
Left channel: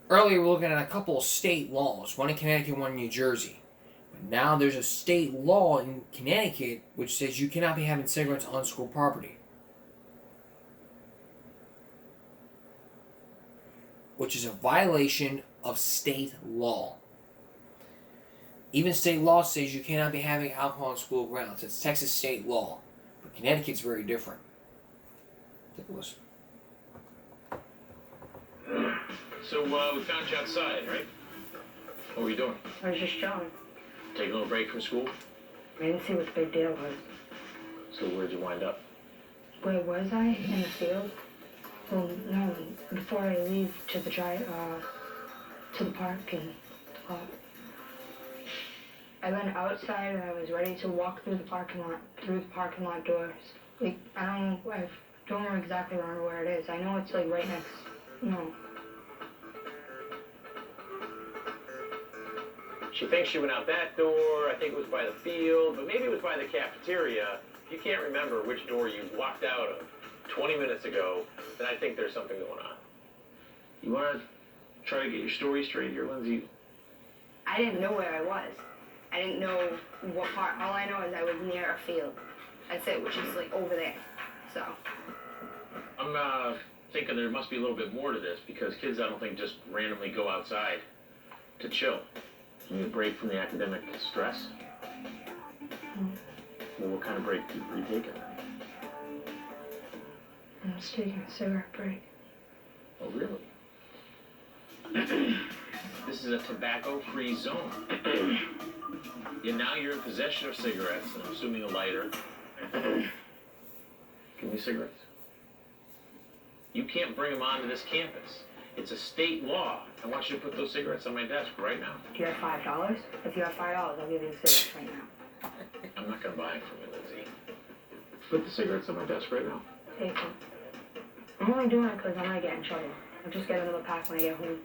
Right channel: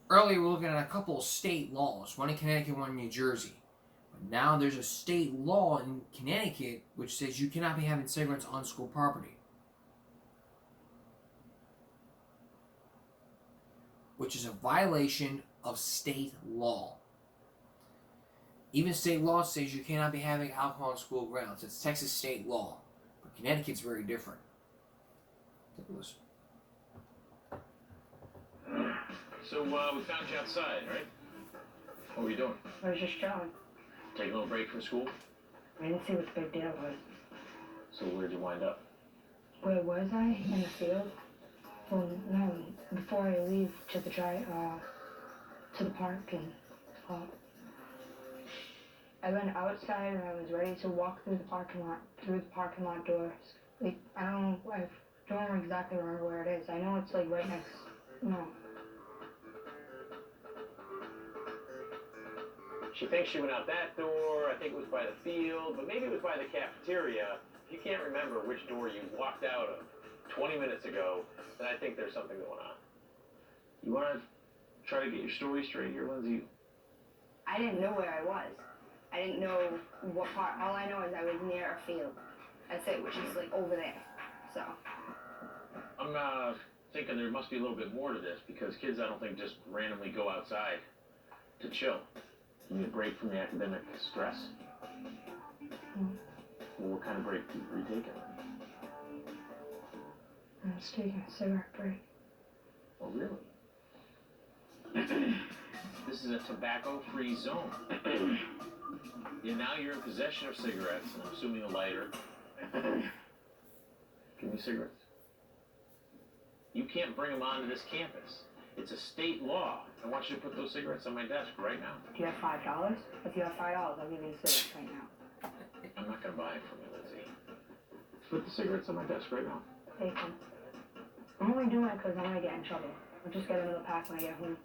Earlier, we were looking at a couple of state laws, one in Connecticut, one in New Jersey. But now there's a state law in Connecticut which says you cannot be having cigarettes on school property, which is a violation of state law. Even state law says you cannot be having alcohol on school grounds. It's Texas state law. But Connecticut's very different. Take a listen. So, we found you outside, right? What were you doing? I was just chilling. Taking a little break from school? I didn't see what the big deal was. So where'd you wind up? Where was I? In the field? Well, no. Before I leave to the park and I went outside and I was ready to walk through the parking lot doors. Like, I don't exactly remember where it is. I know it's like right next, no. She thinks she went out that door. I think it was by the field, but maybe it was by the cafeteria. If you can't remember which door you walked out of 20 minutes ago, then I think there's something going on. You want to try to get your story straight here, Lindsay? I didn't know where I was. I didn't know what part. All I know is I was near a field. That's it, which is like over there. So. I'm thinking there must be a little bit more to this because kids, I don't think, just randomly go outside to chill. You need a break from the academic stress? Well, what kind of break are you taking? I'm just taking a cigarette break. Oh, really? This is a tobacco-free zone. Now you're in possession of cigarettes, and I'm assuming a lighter. Give me cigarettes. You can't bring them onto this campus. It's a state law. I want you to put those cigarettes on my desk right now. Do you have $5? If you have $5, I'll give you the cigarettes right now. I'm not going to buy it from you, Lindsay. Put the cigarettes on my desk right now. Take them. I'm only doing it because I'm going to get in trouble. I'll just get another pack when I get home.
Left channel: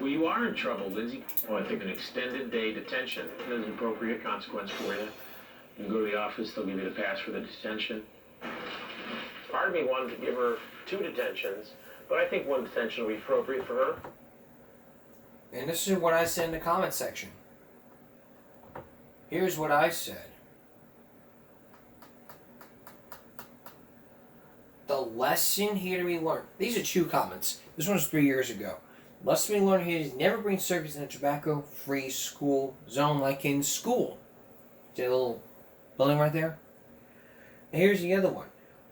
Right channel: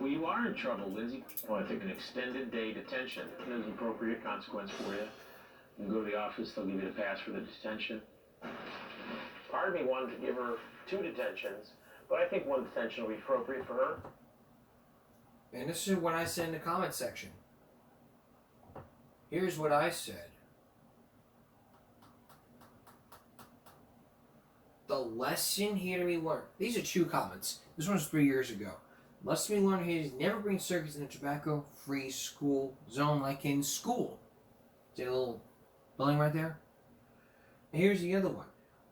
Well, you are in trouble, Lindsay. Well, I think an extended day detention is an appropriate consequence for you. You can go to the office, they'll give you the pass for the detention. Part of me wanted to give her 2 detentions, but I think 1 detention will be appropriate for her. And this is what I said in the comment section. Here's what I said. The lesson here to be learned. These are 2 comments. This one was 3 years ago. Lesson to be learned here is never bring cigarettes in a tobacco-free school zone like in school. See that little building right there? And here's the other one.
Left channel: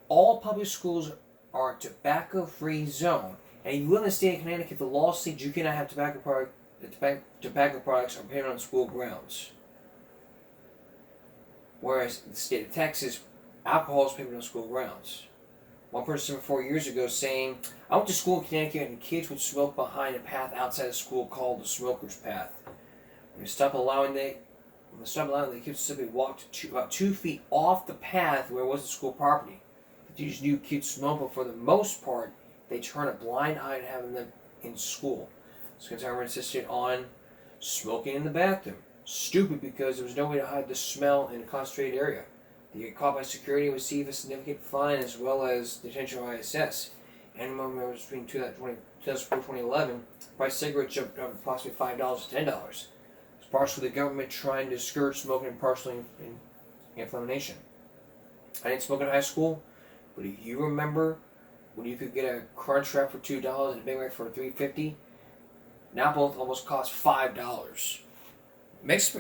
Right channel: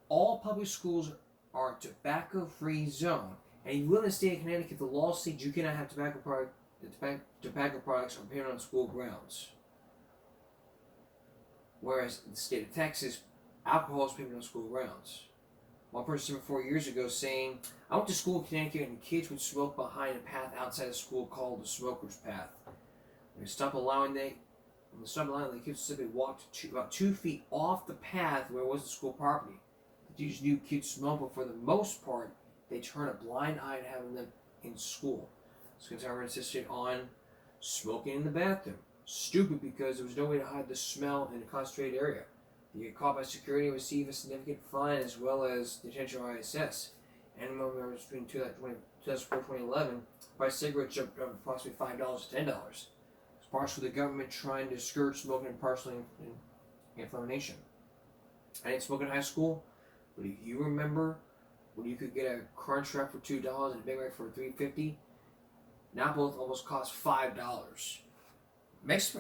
All public schools are a tobacco-free zone. And if you live in the state of Connecticut, the law states you cannot have tobacco that tobacco products are banned on school grounds. Whereas in the state of Texas, alcohol is prohibited on school grounds. One person 4 years ago saying, I went to school in Connecticut and kids would smoke behind a path outside of school called the smoker's path. When they stopped allowing the kids to simply walk about 2 feet off the path where it was the school property. The teachers knew kids smoked, but for the most part, they turned a blind eye to having them in school. School timer insisted on smoking in the bathroom. Stupid, because there was no way to hide the smell in a concentrated area. They get caught by security and receive a significant fine as well as detention or ISS. And among members between 2004 and 2011, the price of cigarettes jumped from approximately $5 to $10. It's partially the government trying to discourage smoking and partially inflammation. I didn't smoke in high school, but if you remember when you could get a Crunch Wrap for $2 and a Big Mac for $3.50, now both almost cost $5.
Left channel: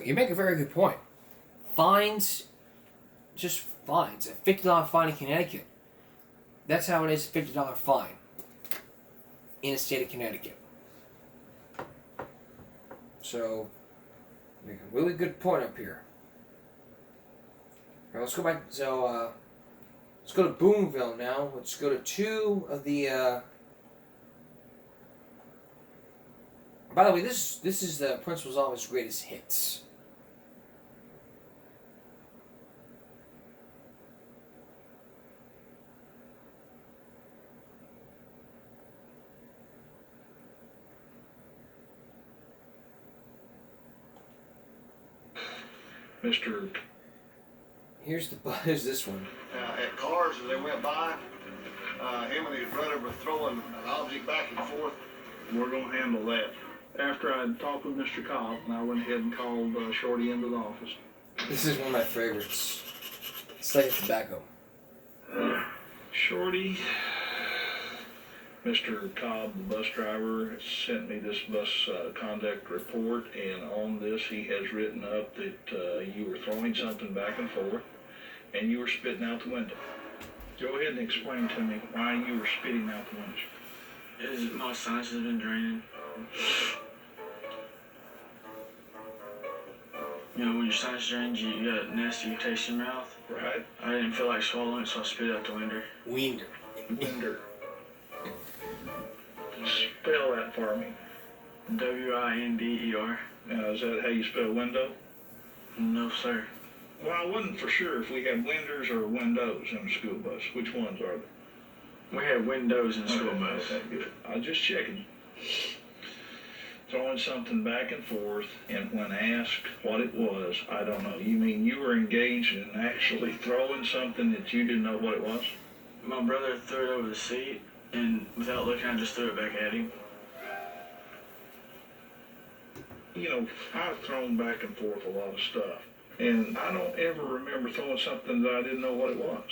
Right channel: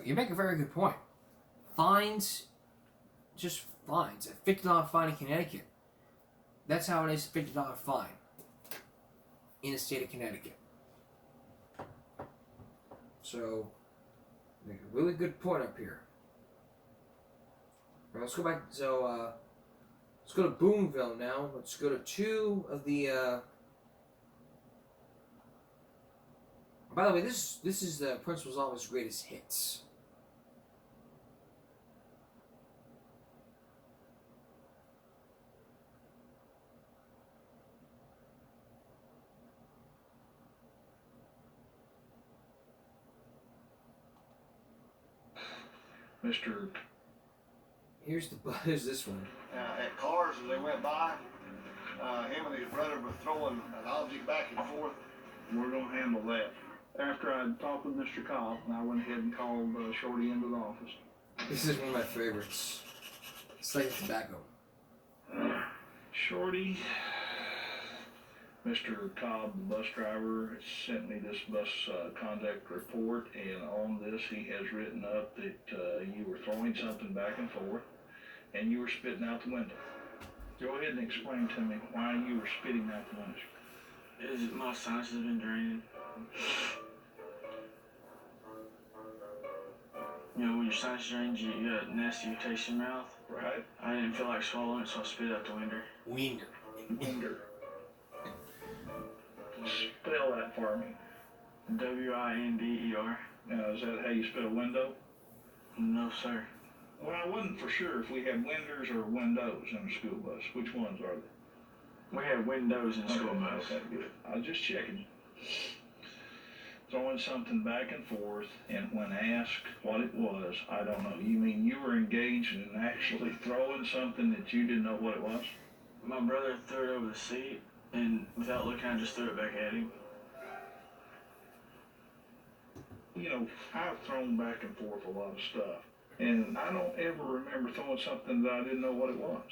You make a very good point. Fines, just fines. A $50 fine in Connecticut. That's how it is, a $50 fine in the state of Connecticut. So, make a really good point up here. All right, let's go back. So, let's go to Boonville now. Let's go to two of the. By the way, this is the principal's office greatest hits. Mr. Here's this one. At cars as they went by, him and his brother were throwing an object back and forth. We're going to handle that. After I talked with Mr. Cobb, and I went ahead and called Shorty into the office. This is one of my favorites. Slate tobacco. Shorty, Mr. Cobb, the bus driver, sent me this bus conduct report, and on this he has written up that you were throwing something back and forth, and you were spitting out the window. Go ahead and explain to me why you were spitting out the window. My sinus has been draining. You know, when your sinus drains, you got a nasty taste in your mouth. Right. I didn't feel like swallowing it, so I spit out the window. Winder. Spell that for me. W-I-N-D-E-R. Now, is that how you spell window? No, sir. Well, I wasn't for sure if we had winders or windows in the school bus. Which ones are they? We have windows in the school bus. Okay, good. I was just checking. Throwing something back and forth, and when asked what it was, I don't know. You mean you were engaged in actually throwing something that you didn't know what it was? My brother threw it over the seat, and without looking, I just threw it back at him. You know, I've thrown back and forth a lot of stuff, and I don't ever remember throwing something that I didn't know what it was.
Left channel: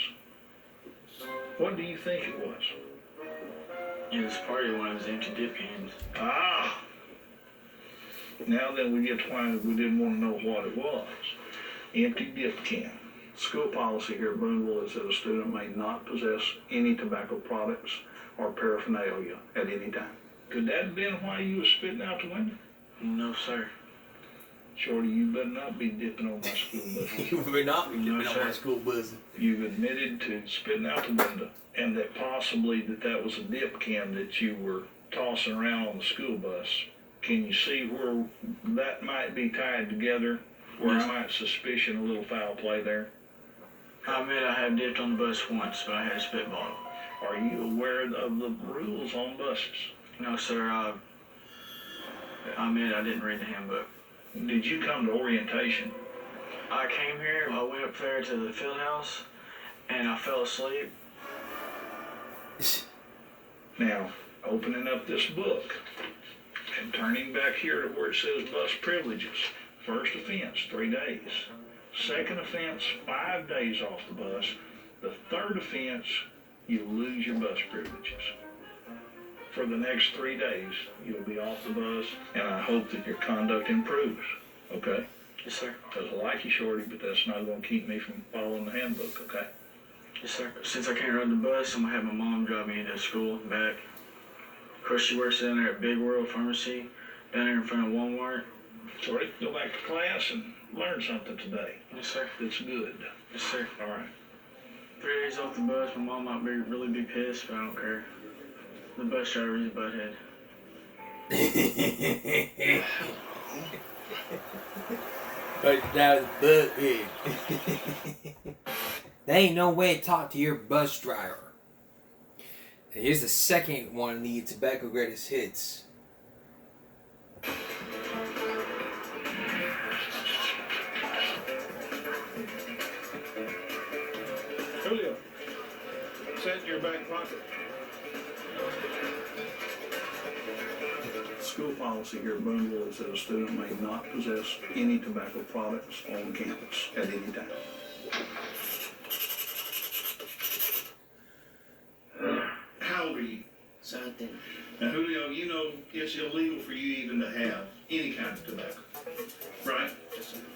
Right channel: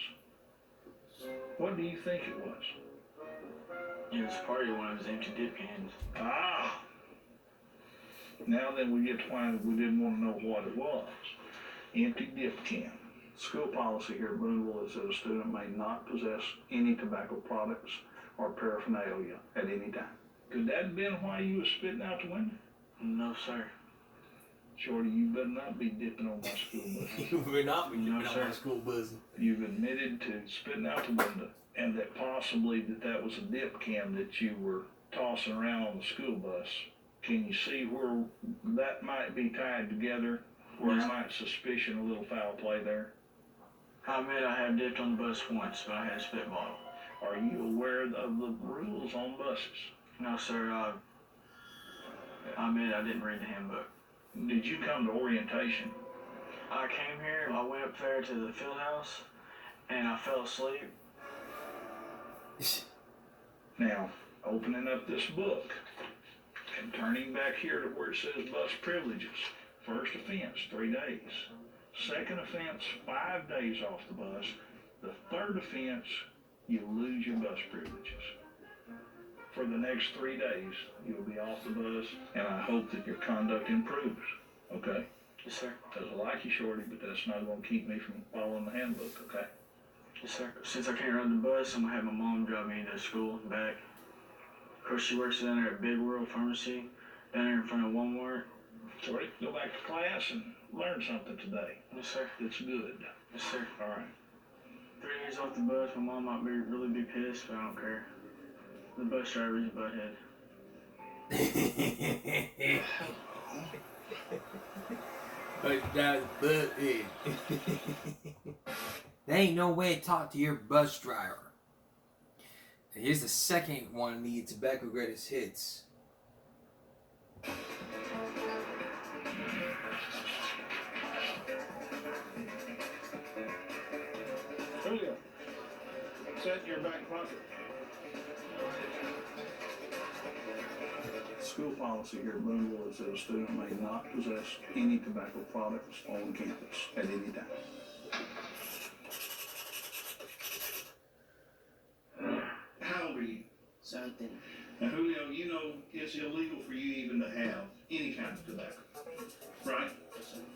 What do you think it was? It was probably one of his empty dip cans. Ah! Now then we get to why we didn't want to know what it was. Empty dip can. School policy here at Boonville is that a student may not possess any tobacco products or paraphernalia at any time. Could that have been why you were spitting out the window? No, sir. Shorty, you better not be dipping on my school bus. You better not be dipping on my school bus. You've admitted to spitting out the window, and that possibly that was a dip can that you were tossing around on the school bus. Can you see where that might be tied together, where I might suspicion a little foul play there? I admit I have dipped on the bus once, but I had a spit bottle. Are you aware of the rules on buses? No, sir. I admit I didn't read the handbook. Did you come to orientation? I came here, I went up there to the field house, and I fell asleep. Now, opening up this book and turning back here to where it says bus privileges. First offense, 3 days. Second offense, 5 days off the bus. The third offense, you lose your bus privileges. For the next 3 days, you'll be off the bus, and I hope that your conduct improves, okay? Yes, sir. Because I like you, Shorty, but that's not going to keep me from following the handbook, okay? Yes, sir. Since I can't ride the bus, I'm going to have my mom drive me to school and back. Of course, she works down there at Big World Pharmacy, down there in front of Walmart. So go back to class and learn something today. Yes, sir. That's good. Yes, sir. All right. 3 days off the bus, my mom might really be pissed, but I don't care. The bus driver is a butthead. But that was butthead. There ain't no way to talk to your bus driver. And here's the second one of the Tobacco Greatest Hits. Julio, set in your back pocket. School policy here at Boonville is that a student may not possess any tobacco products on campus at any time. How old are you? 17. Now, Julio, you know it's illegal for you even to have any kind of tobacco, right?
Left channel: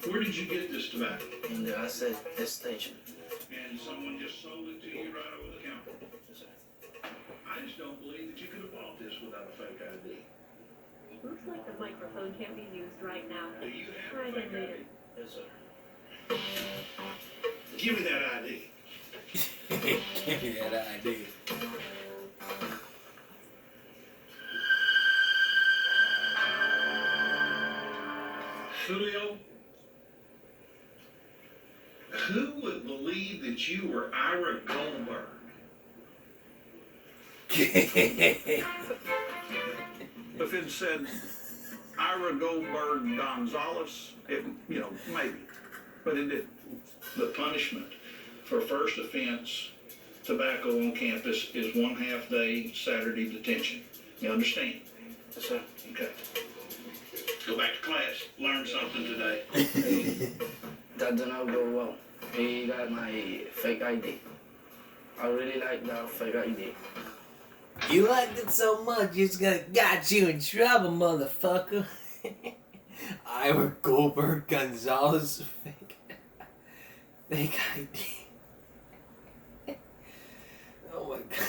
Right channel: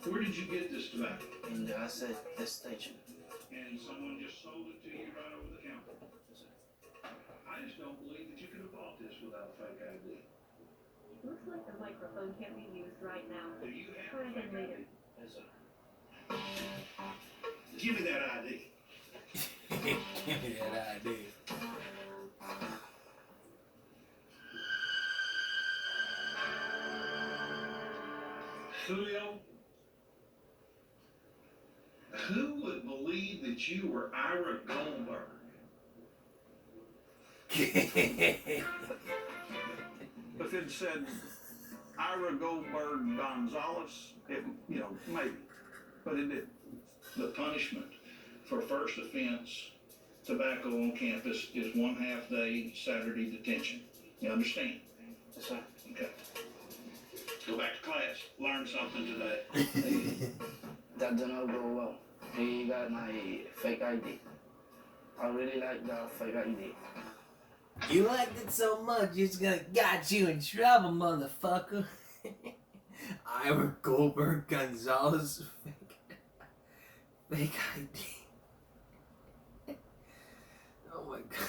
Where did you get this tobacco? In the asset station. And someone just sold it to you right over the counter. I just don't believe that you could have bought this without a fake ID. Looks like the microphone can't be used right now. Do you have Try a again fake later. ID? Yes, sir. Give me that ID. Give me that ID. Julio, who would believe that you were Ira Goldberg? If it said Ira Goldberg Gonzalez, it, maybe, but it didn't. The punishment for first offense tobacco on campus is 1/2 day Saturday detention. You understand? Yes, sir. Okay. Go back to class. Learn something today. That did not go well. He got my fake ID. I really like that fake ID. You liked it so much, it's gonna got you in trouble, motherfucker. Ira Goldberg Gonzalez fake ID. Oh my god.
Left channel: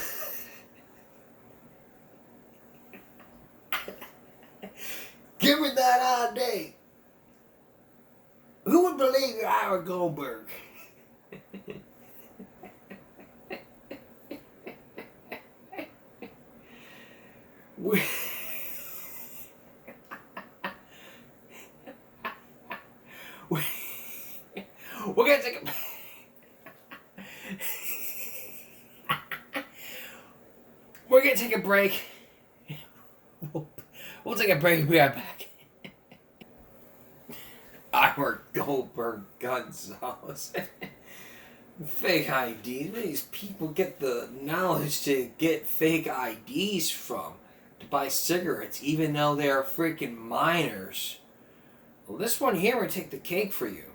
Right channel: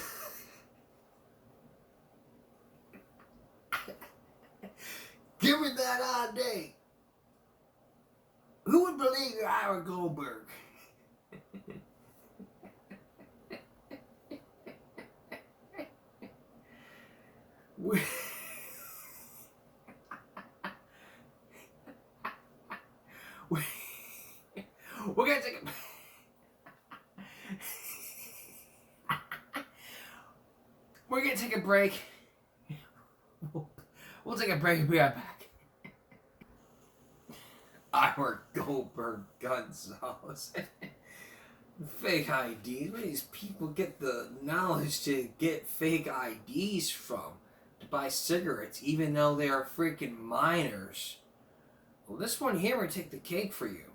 Give me that ID. Who would believe you're Ira Goldberg? We're gonna take we're gonna take a break. We'll take a break and be right back. Ira Goldberg Gonzalez. Fake IDs. Where do these people get the knowledge to get fake IDs from? To buy cigarettes, even though they're freaking minors. Well, this one here will take the cake for you.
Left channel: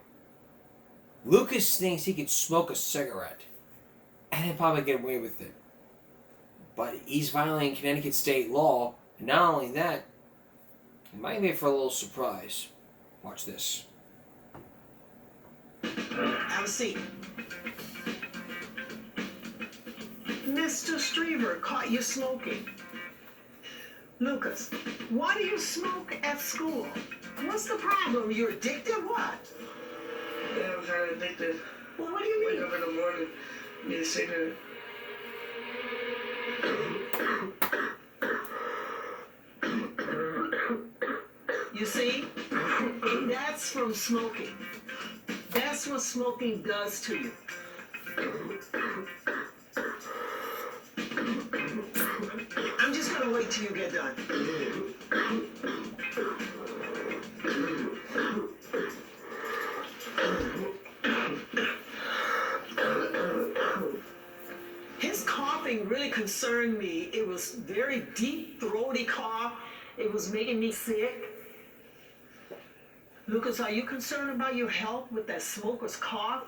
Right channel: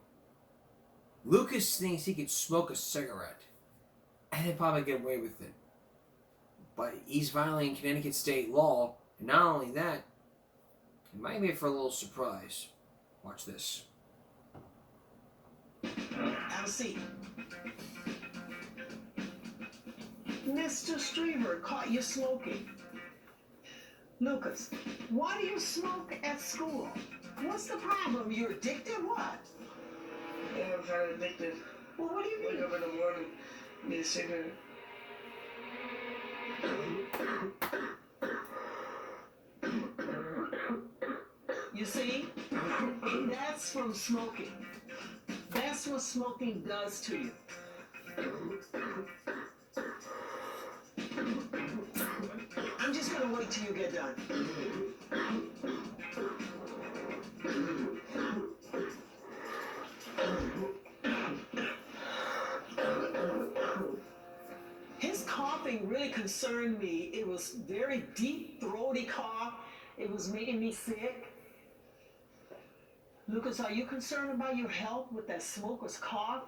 Lucas thinks he could smoke a cigarette, and he'll probably get away with it. But he's violating Connecticut state law, and not only that, he might be for a little surprise. Watch this. Have a seat. Mr. Streever caught you smoking. Lucas, why do you smoke at school? What's the problem? You're addicted? What? Yeah, I'm kind of addicted. Well, what do you mean? Wake up in the morning, need a cigarette. You see? That's from smoking. That's what smoking does to you. I'm just gonna wait till you get done. His coughing really concerned me. It was very deep, throaty cough. It was making me sick. Lucas, are you concerned about your health with that smoker's cough?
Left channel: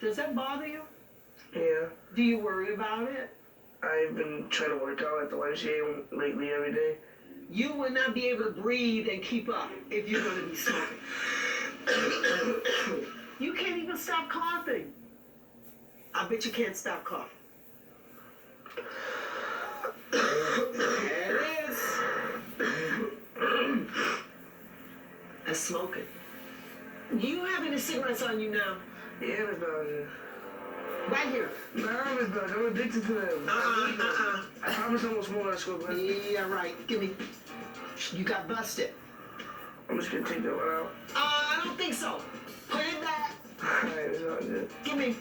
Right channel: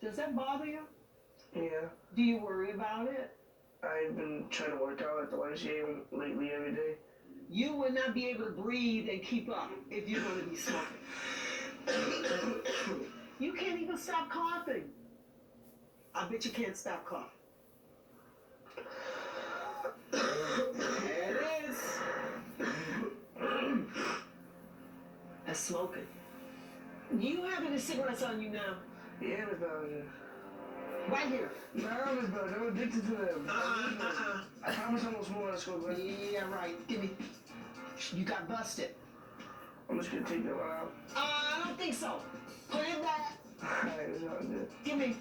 Does that bother you? Yeah. Do you worry about it? I've been trying to work out at the YMCA lately every day. You would not be able to breathe and keep up if you're going to be smoking. You can't even stop coughing. I bet you can't stop coughing. as smoking. Do you have any cigarettes on you now? Yeah, Miss Bellinger. Right here. Nah, Miss Bellinger, I'm addicted to them. I promise I'm gonna smoke at school, man. Yeah, right. Give me. You got busted. I'm just gonna take that one out. I don't think so. Put it back. Alright, it's all good. Give me.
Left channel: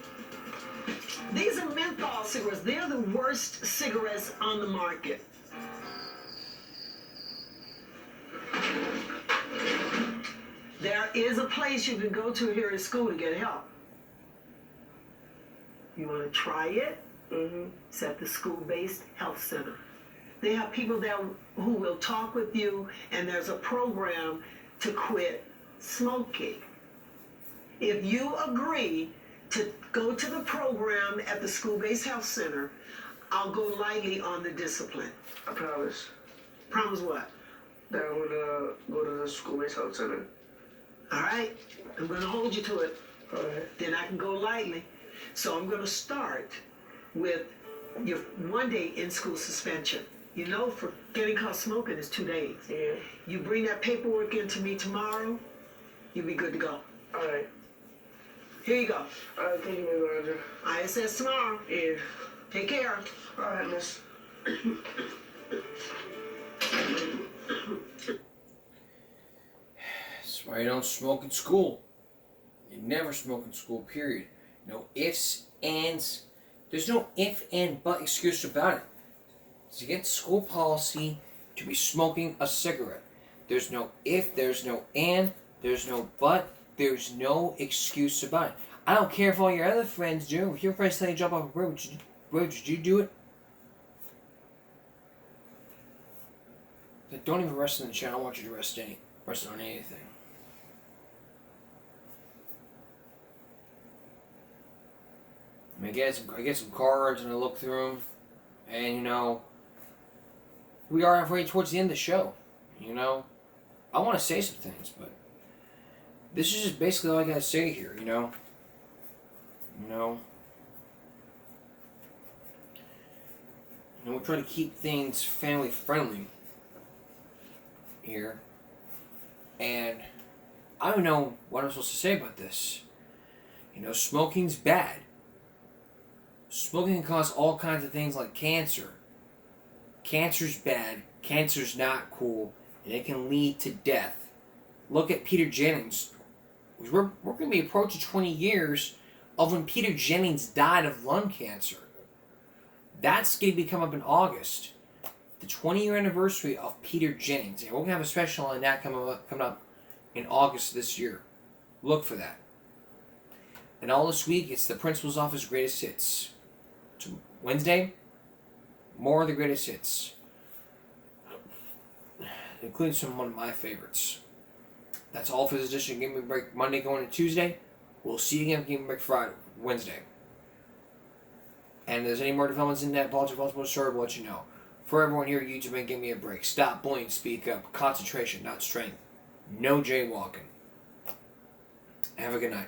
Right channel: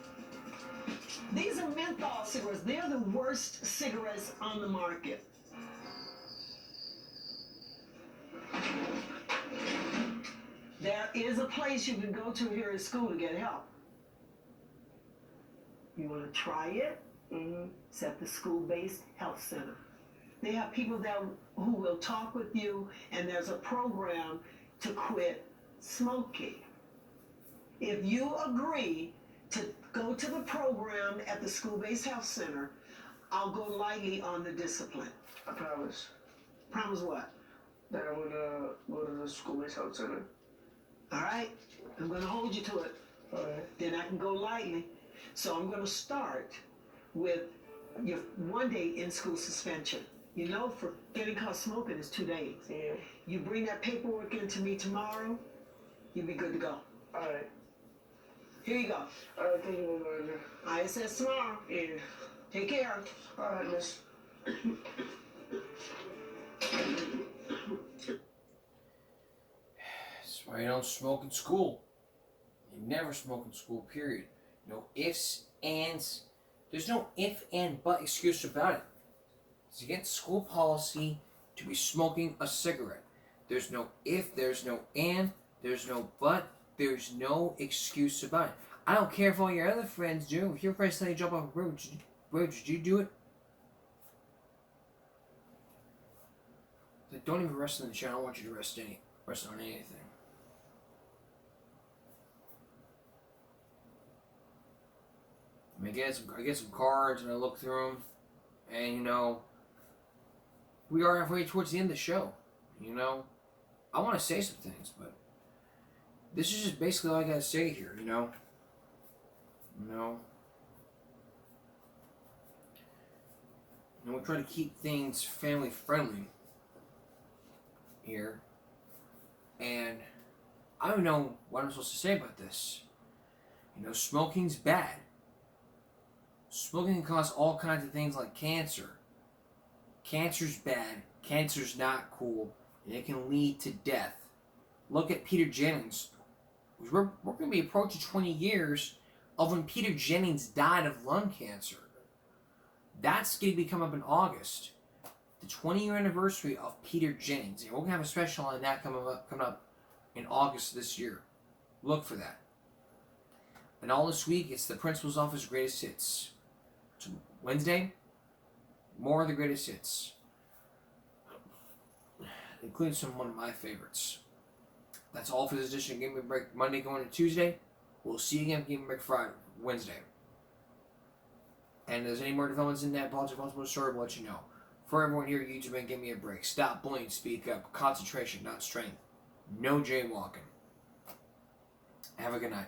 These are menthol cigarettes. They're the worst cigarettes on the market. There is a place you can go to here at school to get help. You want to try it? It's at the school-based health center. They have people there who will talk with you, and there's a program to quit smoking. If you agree to go to the program at the school-based health center, I'll go lightly on the discipline. I promise. Promise what? That I'm gonna go to the school-based health center. All right, I'm gonna hold you to it. All right. Then I can go lightly. So I'm gonna start with your 1 day in-school suspension. You know, for getting caught smoking is 2 days. Yeah. You bring that paperwork in to me tomorrow, you'll be good to go. All right. Here you go. All right, thank you, Miss Bellinger. ISS tomorrow. Yeah. Take care. All right, miss. That's why you don't smoke in school. You never smoke in school, period. No ifs, ands. There's no if, and, but excuse about it. It's against school policy to be smoking a cigarette. There's no if, there's no and, there's no but, there's no excuse about it. I don't care if all your other friends do. If your friends tell you to jump off a bridge, would you do it? Don't even rest on the channel. I don't want you to rest on anything. I mean, I get some cards and I look through them, and you know, we are halfway towards the end of the show. You know, I want to say some things, but this is just basically all I gotta say here. You know, we're trying to keep things family friendly here, and I don't know what I'm supposed to say about this. You know, smoking's bad. Smoking can cause all kinds of things like cancer. Cancer's bad. Cancer's not cool. And it can lead to death. Look at Peter Jennings. We're going to be approaching 20 years of when Peter Jennings died of lung cancer. That's going to be coming up in August. The 20-year anniversary of Peter Jennings. And we're going to have a special on that coming up in August this year. Look for that. And all this week, it's the Principal's Office Greatest Hits. Wednesday, more of the greatest hits, including one of my favorites. That's all for this edition of Give Me a Break Monday going to Tuesday. We'll see you again for Give Me a Break Friday, Wednesday. And if there's any more developments in that political story, we'll let you know. For everyone here at YouTube, give me a break. Stop bullying, speak up. Concentration, not strength. No jaywalking. Have a good night.